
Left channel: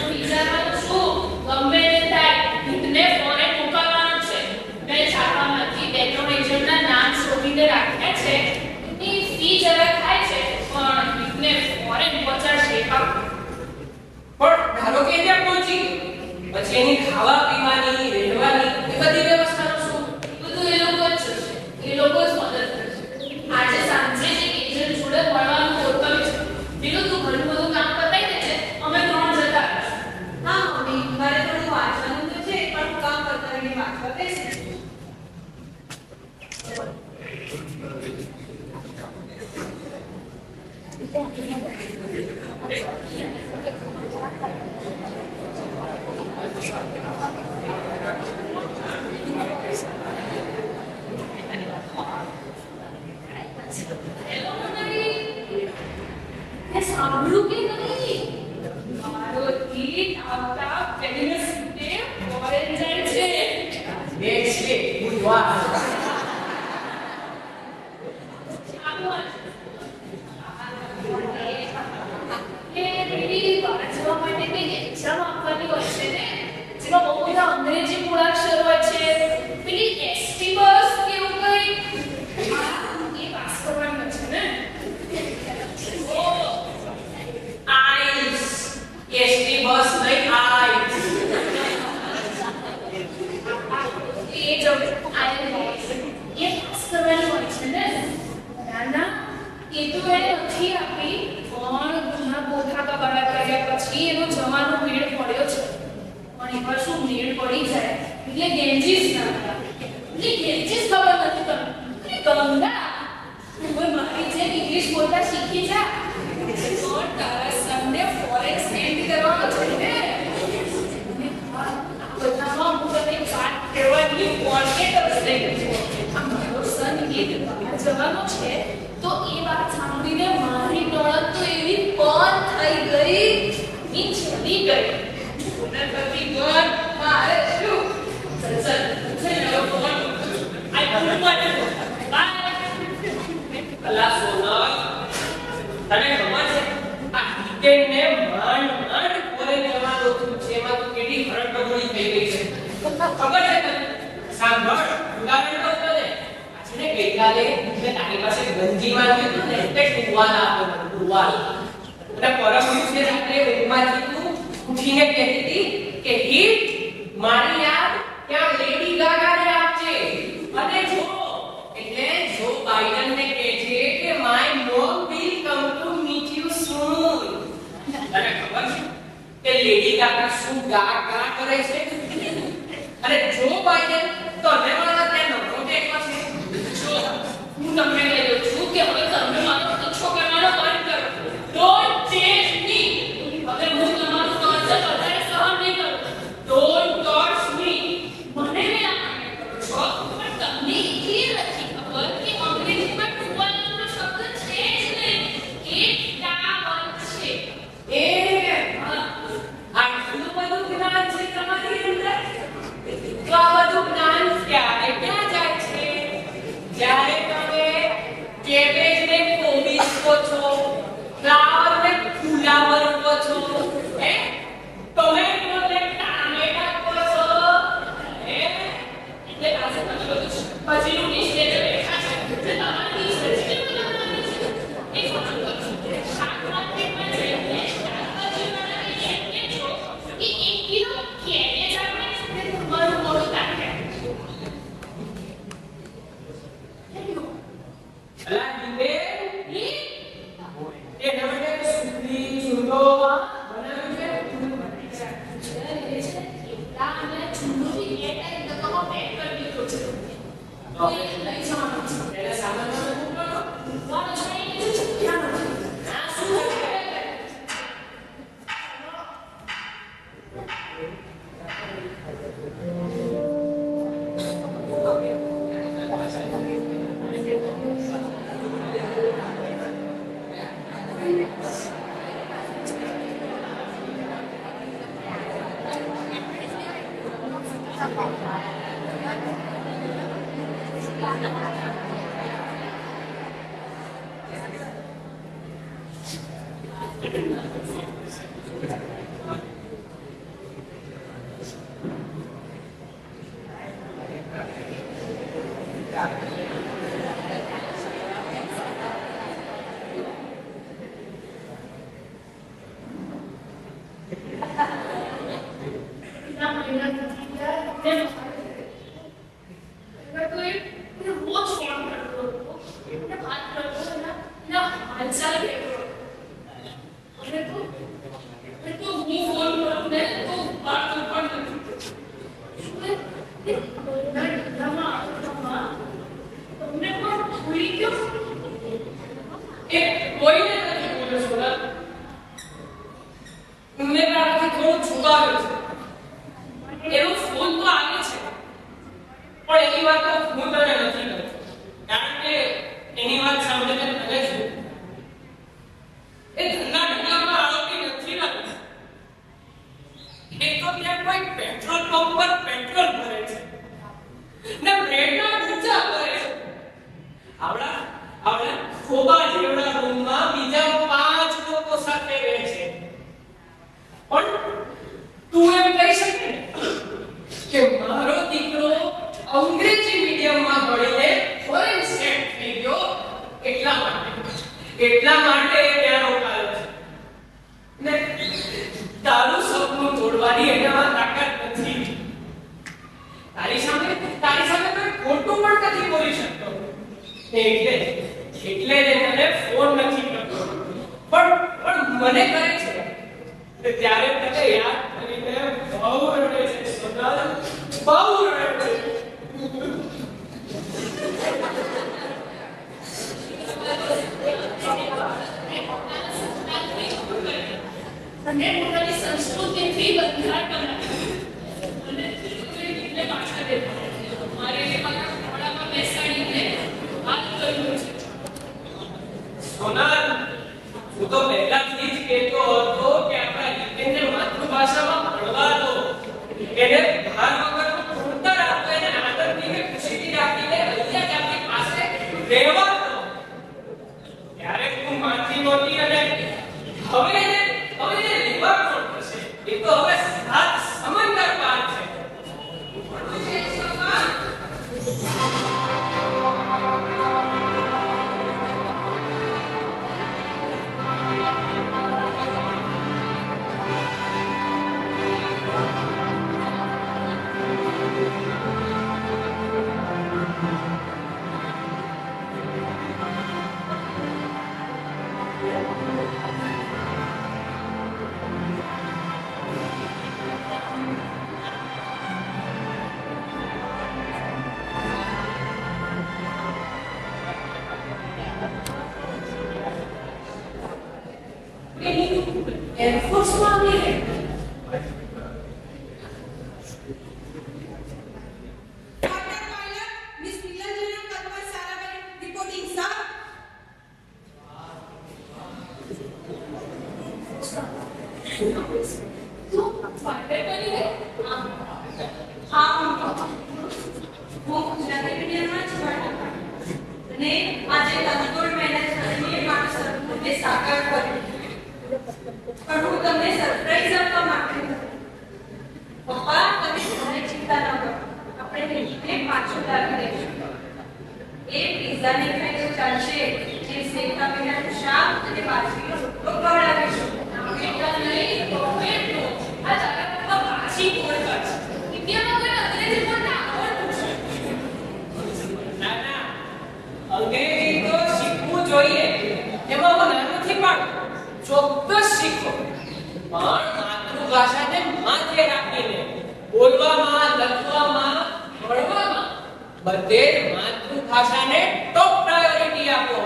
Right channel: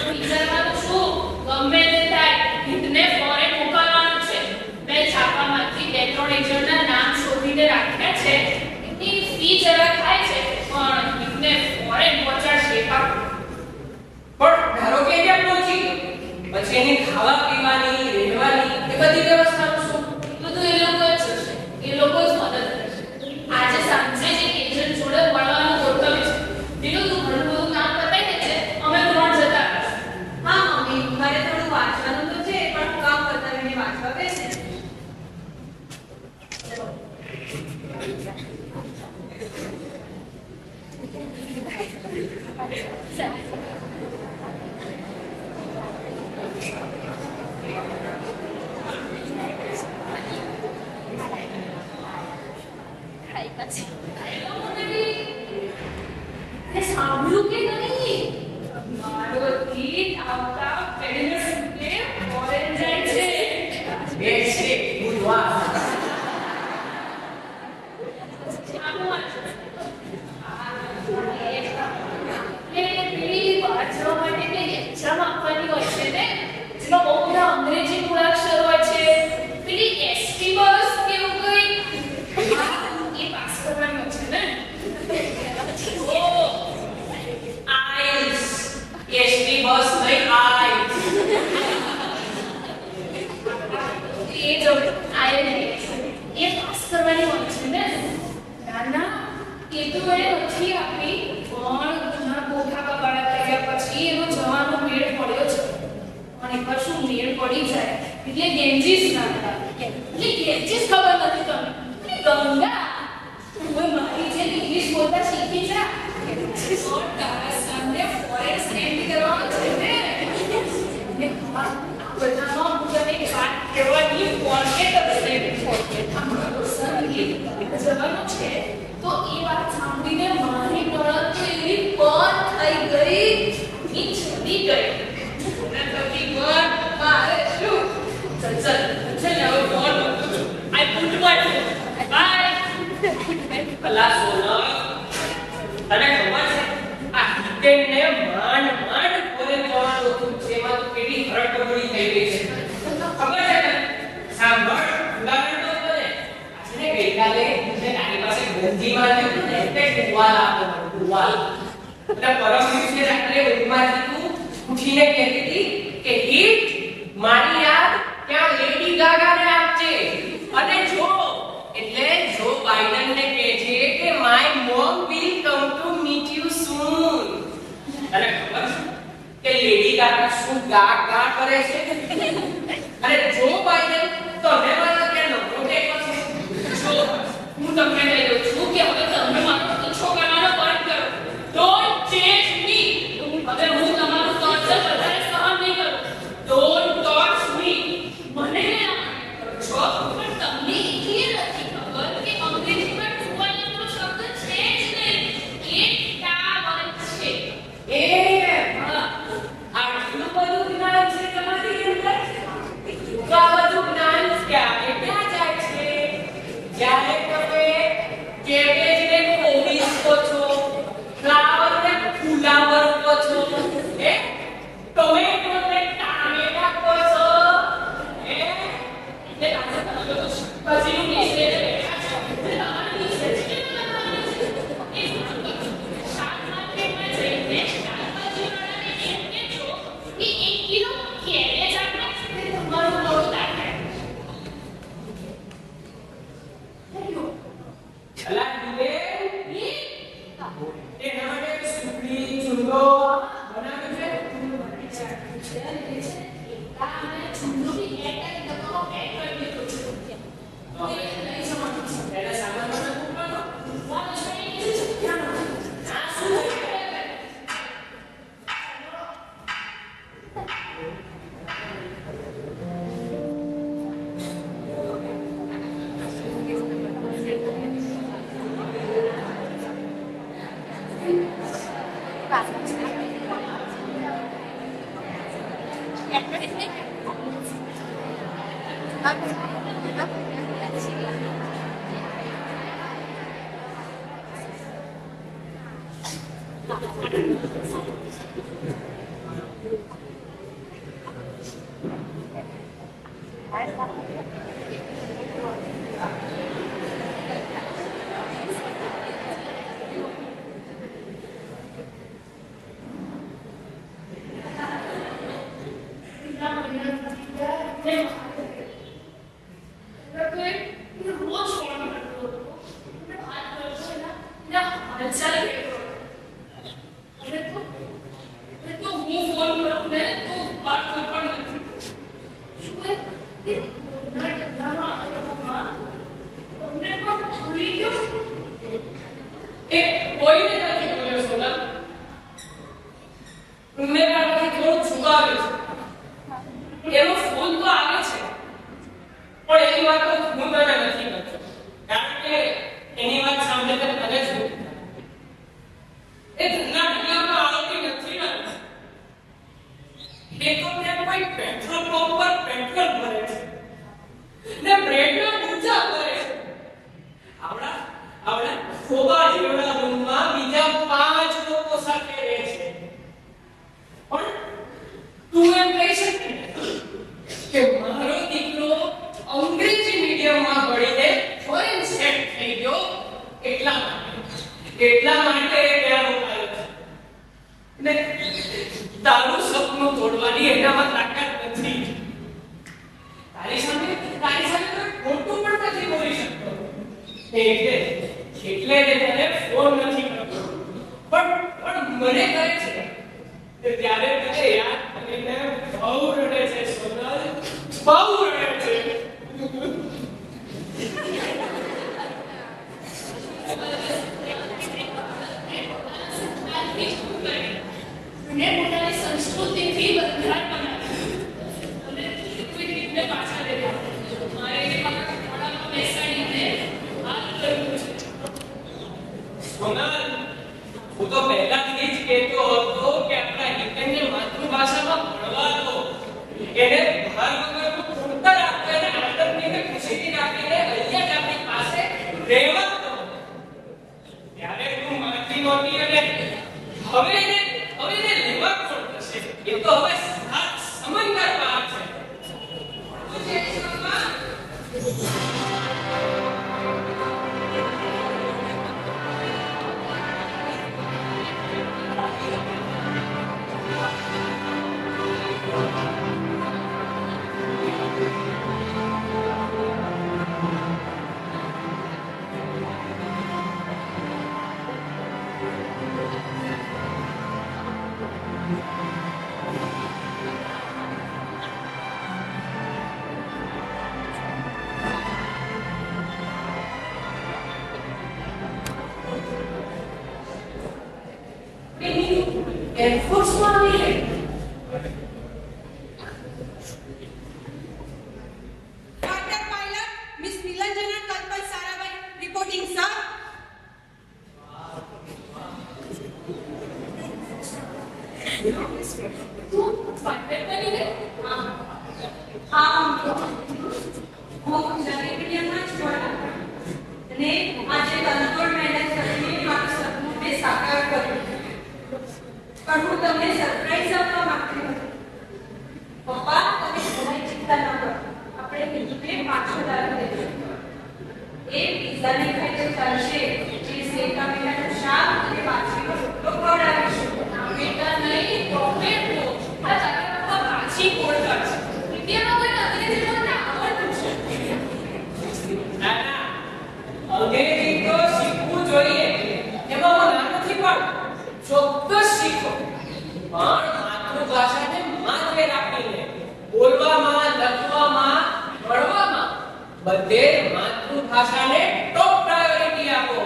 વિચારવાનું શું? ગમે તે થાય હિતને ફોરેન મોકલવાનો છે. મેં છાપામાંથી 2-3 એજન્ટના નામ શોધીને રાખ્યા છે. એની ફી જરા ખાય છે પણ હિતને ફોરેન પહોંચાડશે એ પાક્કું. પણ ધારો કે ત્યાં પહોંચી ગયો પછી એની ખાવા પીવાની રહેવાની એ બધી વ્યવસ્થાનું શું? બધું એ લોકો જ થશે. એ લોકો જ મદદ કરશે. આજે સાંજે જ એક એજન્ટ જોડે મળવાનું ગોઠવ્યું છે. બીજું તું ઘણું બધું કામ પતાઈ દેજે. અમે 3 જતા રહીશું. હા મમ્મી, મારે થોડું વાંચવાનું તો છે પણ હું કામ પતાવીને વાંચવા બેસીશ. સાંભળ્યું કે નહીં? મારો ગીત આવતા વેડનેસડે ફોરેન જાય છે. વેડનેસડે બુધવાર. એ પેલી વાંચવા માટે કઈ એક્ઝામ આપવાની હોય છે ને, જેમાં બહુ બધા અંગ્રેજી મૂળાક્ષર હોય છે. પેલી એસટી બસ કેવું કઈ એ પાસ કરવાની હોય છે ને. આઈસ. એસટી બસ નહીં, આઈસ. એ જ એ પાસ કરવાની હોય છે ને. ના ના, એ તો એ નથી આપી, પણ ઘણા કોઠા કબાડા કર્યા પછી એનો જવાનો મેળ પડ્યો છે. પણ એકવાર શું મેળ પડી જાય એટલે ગેંજીસ ના થાય. એટલે ગેંજીસ ખબર નથી તમને. ગંગા, હવે મારી જેમ ઇંગ્લિશ બોલતા શીખી જા. તો તારા સનને ફોરેન સેન્ડ કરવાનો છે ને. અને હા, આ બધામાં હું તને એક વાત કહેવાની ફોર્ગેટ જ નહીં. આ મારો સન એ જવાનો છે તો એ વાત સાંભળીને મારી નળદ તો એવી બંધ થઈ ગઈ, ની ચડી ગઈ. મને થતી બંધ, મારે શું? ચલ ચલ છે ને, હવે ફોન મૂકું છું. I put my phone. Bye. અલા સોનલ, તને ખબર છે આ હિતેનને માંડ ફોરેન જવાનું હતું છે, એમાં તો કેટલી હરકબડી થઈ ગઈ છે. ખબર છે ને? સાંભળ, ઉદાહરણ તો તને આ છે ને, ગઈકાલે તારી પાસે ગંજીમાં હતું ને તે ટુવાલ આપો, ટુવાલ. અને પરમ દિવસે રાત્રે ઊંઘમાંથી તું ઉઠીને કહેતી હતી કે હિટ, મારી યાદ ત્યાં લેડી ગાગાને આપજે. અને જો એટલે જો બાઇડનને કહે છે કે my mom will come to meet you soon. તને ખબર છે કે લેડી ગાગા શું ગા ગા કરે છે? અને જો બાઇડન તો હેવાના ત્યાં નંબરો કેટલો છે? જો હું તમને કહી દઉં છું કે હવે તમે મારો પીછો કરવાનો બંધ કરો. ડોન્ટ ચેન્જ મી. હવે હું તમારું ટોર્ચર વધારે સહન નહીં કરું. ડોન્ટ ટોર્ચ મી. મને ના છો, પણ તમને એટલી નથી ખબર કે અંગ્રેજીમાં ટુવાલનો શબ્દ છે જ નહીં, એ ટાવલ છે. એ હા, આટલું બધું જ્ઞાન છે તમારી અંદર? તો આ બધું જ્ઞાન ક્યારે ક્યાં જાય છે? જ્યારે તમે કેબેજને કોબીજ કહો છો, ફ્લાવરને ફુલાવર કહો છો, ટોમેટોને ટામેટા કહો છો, એટલે આજે તમે બધું શાકભાજીનું લિસ્ટ લઈને બેઠા છો. એટલે તમારે લિસ્ટ વેજીટેબલ બનાવવાનું છે. એક કામ કરો, શાક માર્કેટમાં જઈને શાકભાજીવાળાને એમ કહેજો કે 1 કિલો કેબેજ આપણે તમારું મોઢું રાખે. અલા દીવે, એના માટે સુખડી ચૂંદો બનાવ્યું છે? એના સામાનમાં મૂકવાનો? ના, શું છે? કોઈને નથી બોલ્યો સોનલ. મેં તારાથી થોડું છુપાવ્યું છે. એનો ફોન તો આવે છે. એ તો ત્યાં કોઈ પેટ્રોલ પંપ પર પેટ્રોલ ભરે છે ને બ્રેડના પૂજા કરે છે. આવડા ખોબા જેવડા રૂમમાં બીજા 5 લોકો સાથે રહે છે. પણ તું એમ કહી શકે ને કે મારો દીકરો અંગ્રેજી મીડિયમમાં ભણીને ફોરેન સેટ થઈ ગયો એટલા માટે એ ત્યાં રોકાયો છે ને તારું સપનું તોડવાની એનામાં તાકાત નથી. તારી સામે કોઈ ખોટું પણ નથી બોલી શકતો એટલે જ તને ફોન નથી કરતો. પણ મને કહે છે ત્યારે મને યાદ કરીને બહુ રડે છે સોનલ, બહુ રડે છે. અને પોતાની સંસ્કૃતિથી બંધાર બનાવ્યું અને કોઈ રીતને પાછા દેતા. મારે એને મારા ખોળામાં બેસાડીને વાત કરવું છે. સોનલ, હું તો પહેલાથી જ કહેતો હતો કે આપણા હિતેનને માતૃભાષામાં ભણવા દો, એને ભાર વગરનું ભણતર આપો, એને આનંદથી કે ખુશીથી રાખીને અહીંયા જ આપણી પાસે રહેવા દો. ત્યારે તું માનતી નહોતી અને હવે એને લેવા કોણ થશે? એ તો હવે સાત સમંદર પાર છે. એરફોર્સમાં આવી રહી. Fighter pilot Miss Nilanjana Kalpai Sarabhai reporting, sir. તું ફાઇટર બની ગઈ? હા, હું ગુજરાતી મીડિયમમાં જ ભણ્યા અને આજે તનતોડ મહેનત કરીને મારું સપનું મેં સાકાર કર્યું. પણ હું તમને સરપ્રાઈઝ આપવા માંગતી હતી. પપ્પા, તમે જરાય ચિંતા ન કરો. આપણે હિન્દીને પાછો લાવી દઈશું. એ પિઝા નહીં ખાય તો ચાલશે. એ સેવ ટામેટાનું શાક અને બાજરીનો રોટલો ખવડાવીશું. બેટા નહીં, પ્રોફેટનો. આ તારા પપ્પા પાછી બોલતા છે. ઇન્ડિયામાં કોઈ અંગ્રેજી બોલતા આવડતું છે. ના, અંગ્રેજી તો શીખવું જોઈએ, એમાં હું ના નથી પાડતો. ચોક્કસ શીખો, પણ માતૃભાષાને માથે રાખીને બોલવામાં, લખવામાં, ભણવામાં બધે માતૃભાષાને ટોપ પ્રાયોરિટી આપો.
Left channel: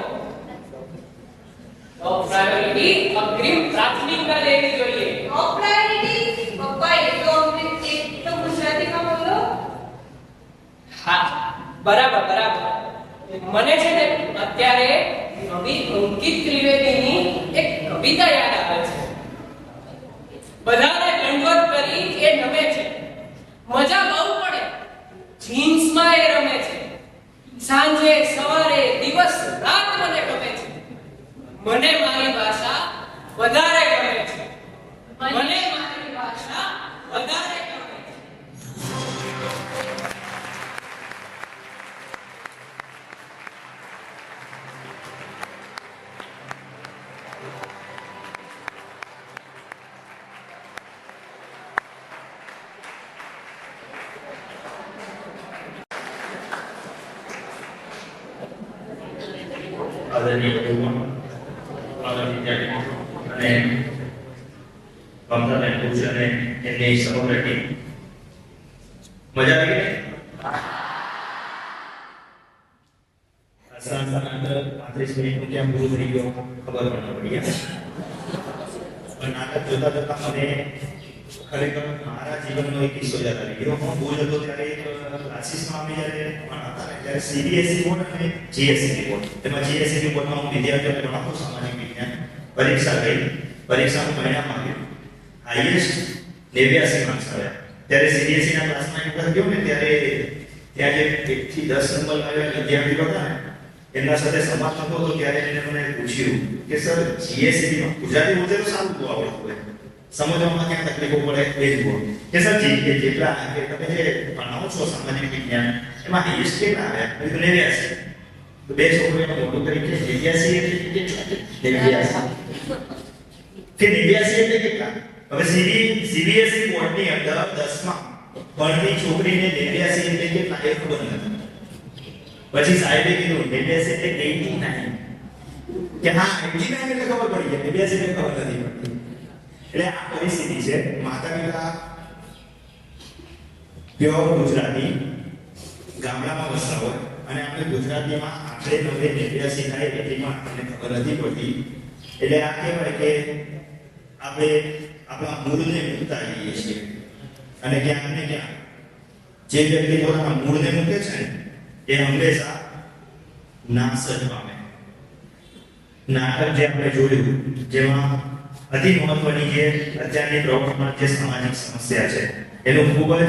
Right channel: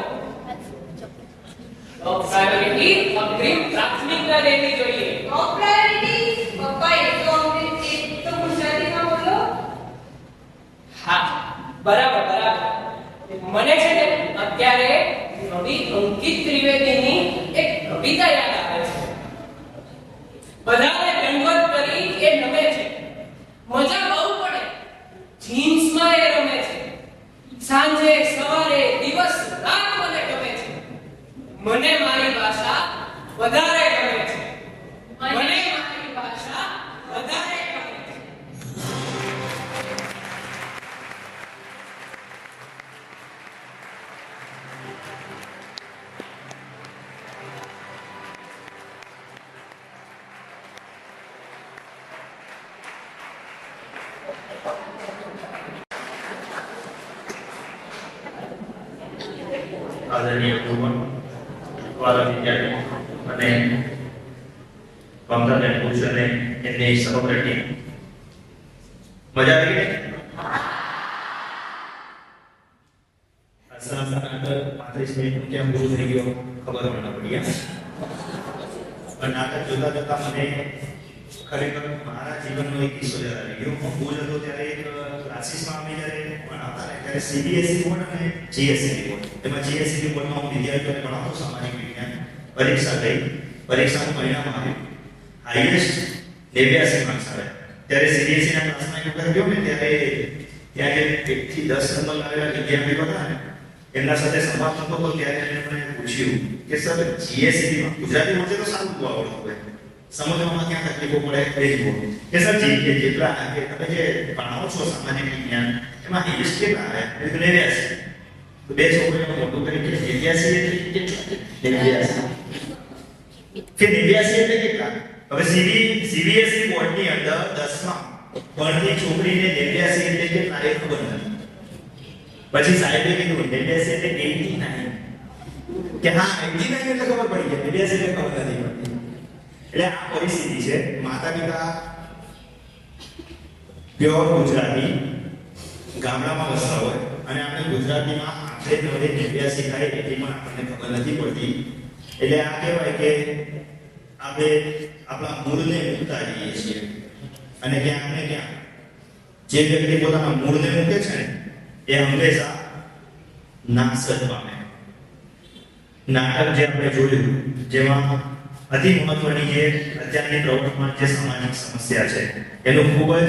ટોપ પ્રાયોરિટી અગ્રિમ પ્રાથમિકતા લેવી જોઈએ. ટોપ પ્રાયોરિટી? પપ્પા, એ તો ગુજરાતીમાં બોલો. હા, બરાબર. મને છે ને અત્યારે કવિ અંકિત ત્રિવેદીની એક કવિતા યાદ આવે છે. બધાને દંડવત કરી એ નમે છે, મજા બહુ પડે, જીન્સમાં એ રમે છે, સાંજે સવારે દિવસ રાત મને ગમે છે. મને મારી ભાષા વધારે ગમે છે. મને મારી ભાષા વધારે ગમે છે. આદરણીય ગુરુવર, વાલા વિદ્યાર્થીઓ અને મમતાબેન પુરુષ અને એમની સમગ્ર ટીમ, મજા આવી ગઈ? આસાન નાટક 35 મિનિટનું કેમ પૂરું થઈ ગયો ખબર પણ ન પડી. પણ નાટક જોતા જોતા મને ખરેખર મારા જીવનનો એક કિસ્સો યાદ આવી ગયો. હું ભુજ હતો ત્યારે એક ક્લાસીસમાં અમે જ્યારે ભણાવતા ને ત્યારે CBSE બોર્ડ અને GSE બોર્ડ, એમાં GSE બોર્ડમાં હું વિદ્યાર્થીઓને ભણાવતો સામાજિક વિજ્ઞાન. પરીક્ષા ગઈ, પરીક્ષાનું પરિણામ આવ્યું. હાઈએસ્ટ 89 માર્ક્સ આવ્યા. ત્યારે સીબીએસઈ ના ક્લાસમાં એક વખત ગયો ને ત્યારે ત્યાં જે 1 થી 10 નંબર લાવેલા વિદ્યાર્થીઓ હતા ને એમના સાથે સંવાદ થતો હતો ત્યારે એમણે મને પૂછ્યું કે સર જીએસસી માં ગુજરાતી બોલતે તો સારું બહુ આવડતું હોય, સમજવામાં ક્યાં તકલીફો પડે એ જુઓ કે સર જેટલા કે તમે જે ભણાવો છો સામાન્ય વિજ્ઞાન એમાં હાઈએસ્ટ કેટલા આવ્યા? મેં કીધું 89. તો બે છોકરીઓ મોટું કરી કે 89 એટલે કેટલા? 89 કે 89 એટલે કેટલા? હવે સીબીએસઈ બોર્ડની અંદર 10માં ભણતી છોકરીને 89 એટલે કેટલા એ ખબર નથી. પછી સાહેબે કીધું 89 એટલે 89 કે હા 89 એટલે ખબર પડી જાય, 89 એટલે ખબર નથી પડતી. એટલે આ પરિસ્થિતિ છે. માતા પિતા પ્યોર ગુજરાતી ગામડામાં વસતા હોય અને આપણે ગુજરાતીમાં આખરે નવે 89 થાય એટલી પણ આપણને ખબર નથી પડતી. એટલે આ કહેવાય કે આપણે આપણા મૂળને મૂકતા જઈએ છીએ અને ક્યાંક ને ક્યાંક જે વ્યક્તિ પોતાના મૂળને મૂકે છે ને એ હંમેશા નાશ જ પામે. નાટક જે આપણે જોયું જેમાં અતિ મહત્વની જે અત્યારની પ્રવૃત્તિમાં જે સામાજિક સમસ્યા છે એનું ખૂબ જ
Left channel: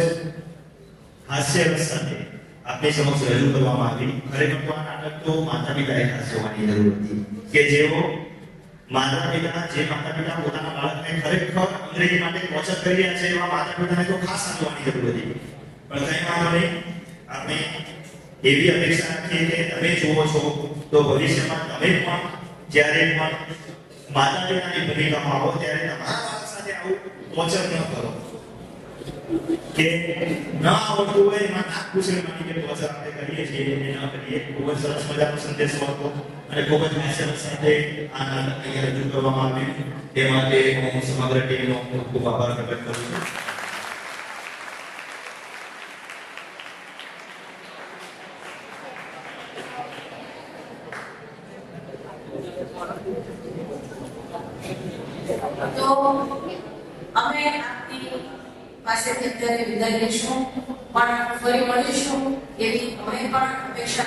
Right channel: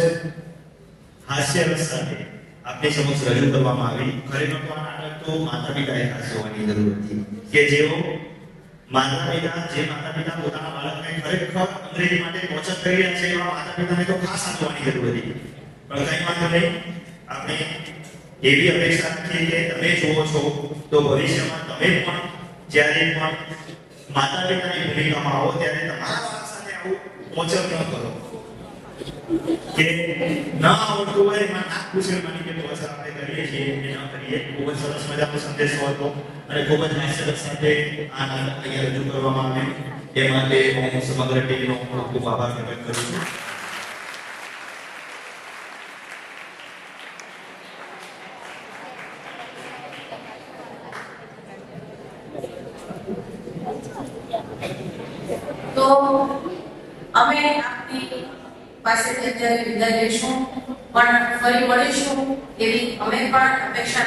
હાસ્યરસ સાથે આપની સમક્ષ રજૂ કરવામાં આવી. ખરેખર તો આ નાટક તો માતા પિતાએ ખાસ જોવાની જરૂર હતી કે જેઓ માતા પિતા પોતાના બાળકને ખરેખર અંગ્રેજી માટે કોચર કરી રહ્યા છે એવા માતા પિતાને તો ખાસ સાચવવાની જરૂર હતી. પણ કઈ વાંધો નહીં, આપણે એવી અપેક્ષા રાખીએ કે તમે જુઓ છો તો ભવિષ્યમાં તમે પણ જ્યારે પણ માતા પિતાની ભૂમિકામાં આવો ત્યારે તમારા બાળક સાથે આવું કોચર ન કરો કે ન આવડતું હોય એમાં નાક પૂછડવાની કે કોચર આપણે કરીએ છીએ એ ન કરીએ. ખૂબ જ સરસ મજાનો સંદેશો હતો અને ખૂબ જ હાસ્યરસ સાથે આ નાટક અહીંયા રજૂ કરવામાં આવે એ માટે હું સમગ્ર ટીમનો ખૂબ આભાર પ્રગટ કરું છું. તો અમે આપની પાસેથી અત્યારે વિદાય લઈશું, પણ ફરી મળીશું એવી અમે પણ અપેક્ષા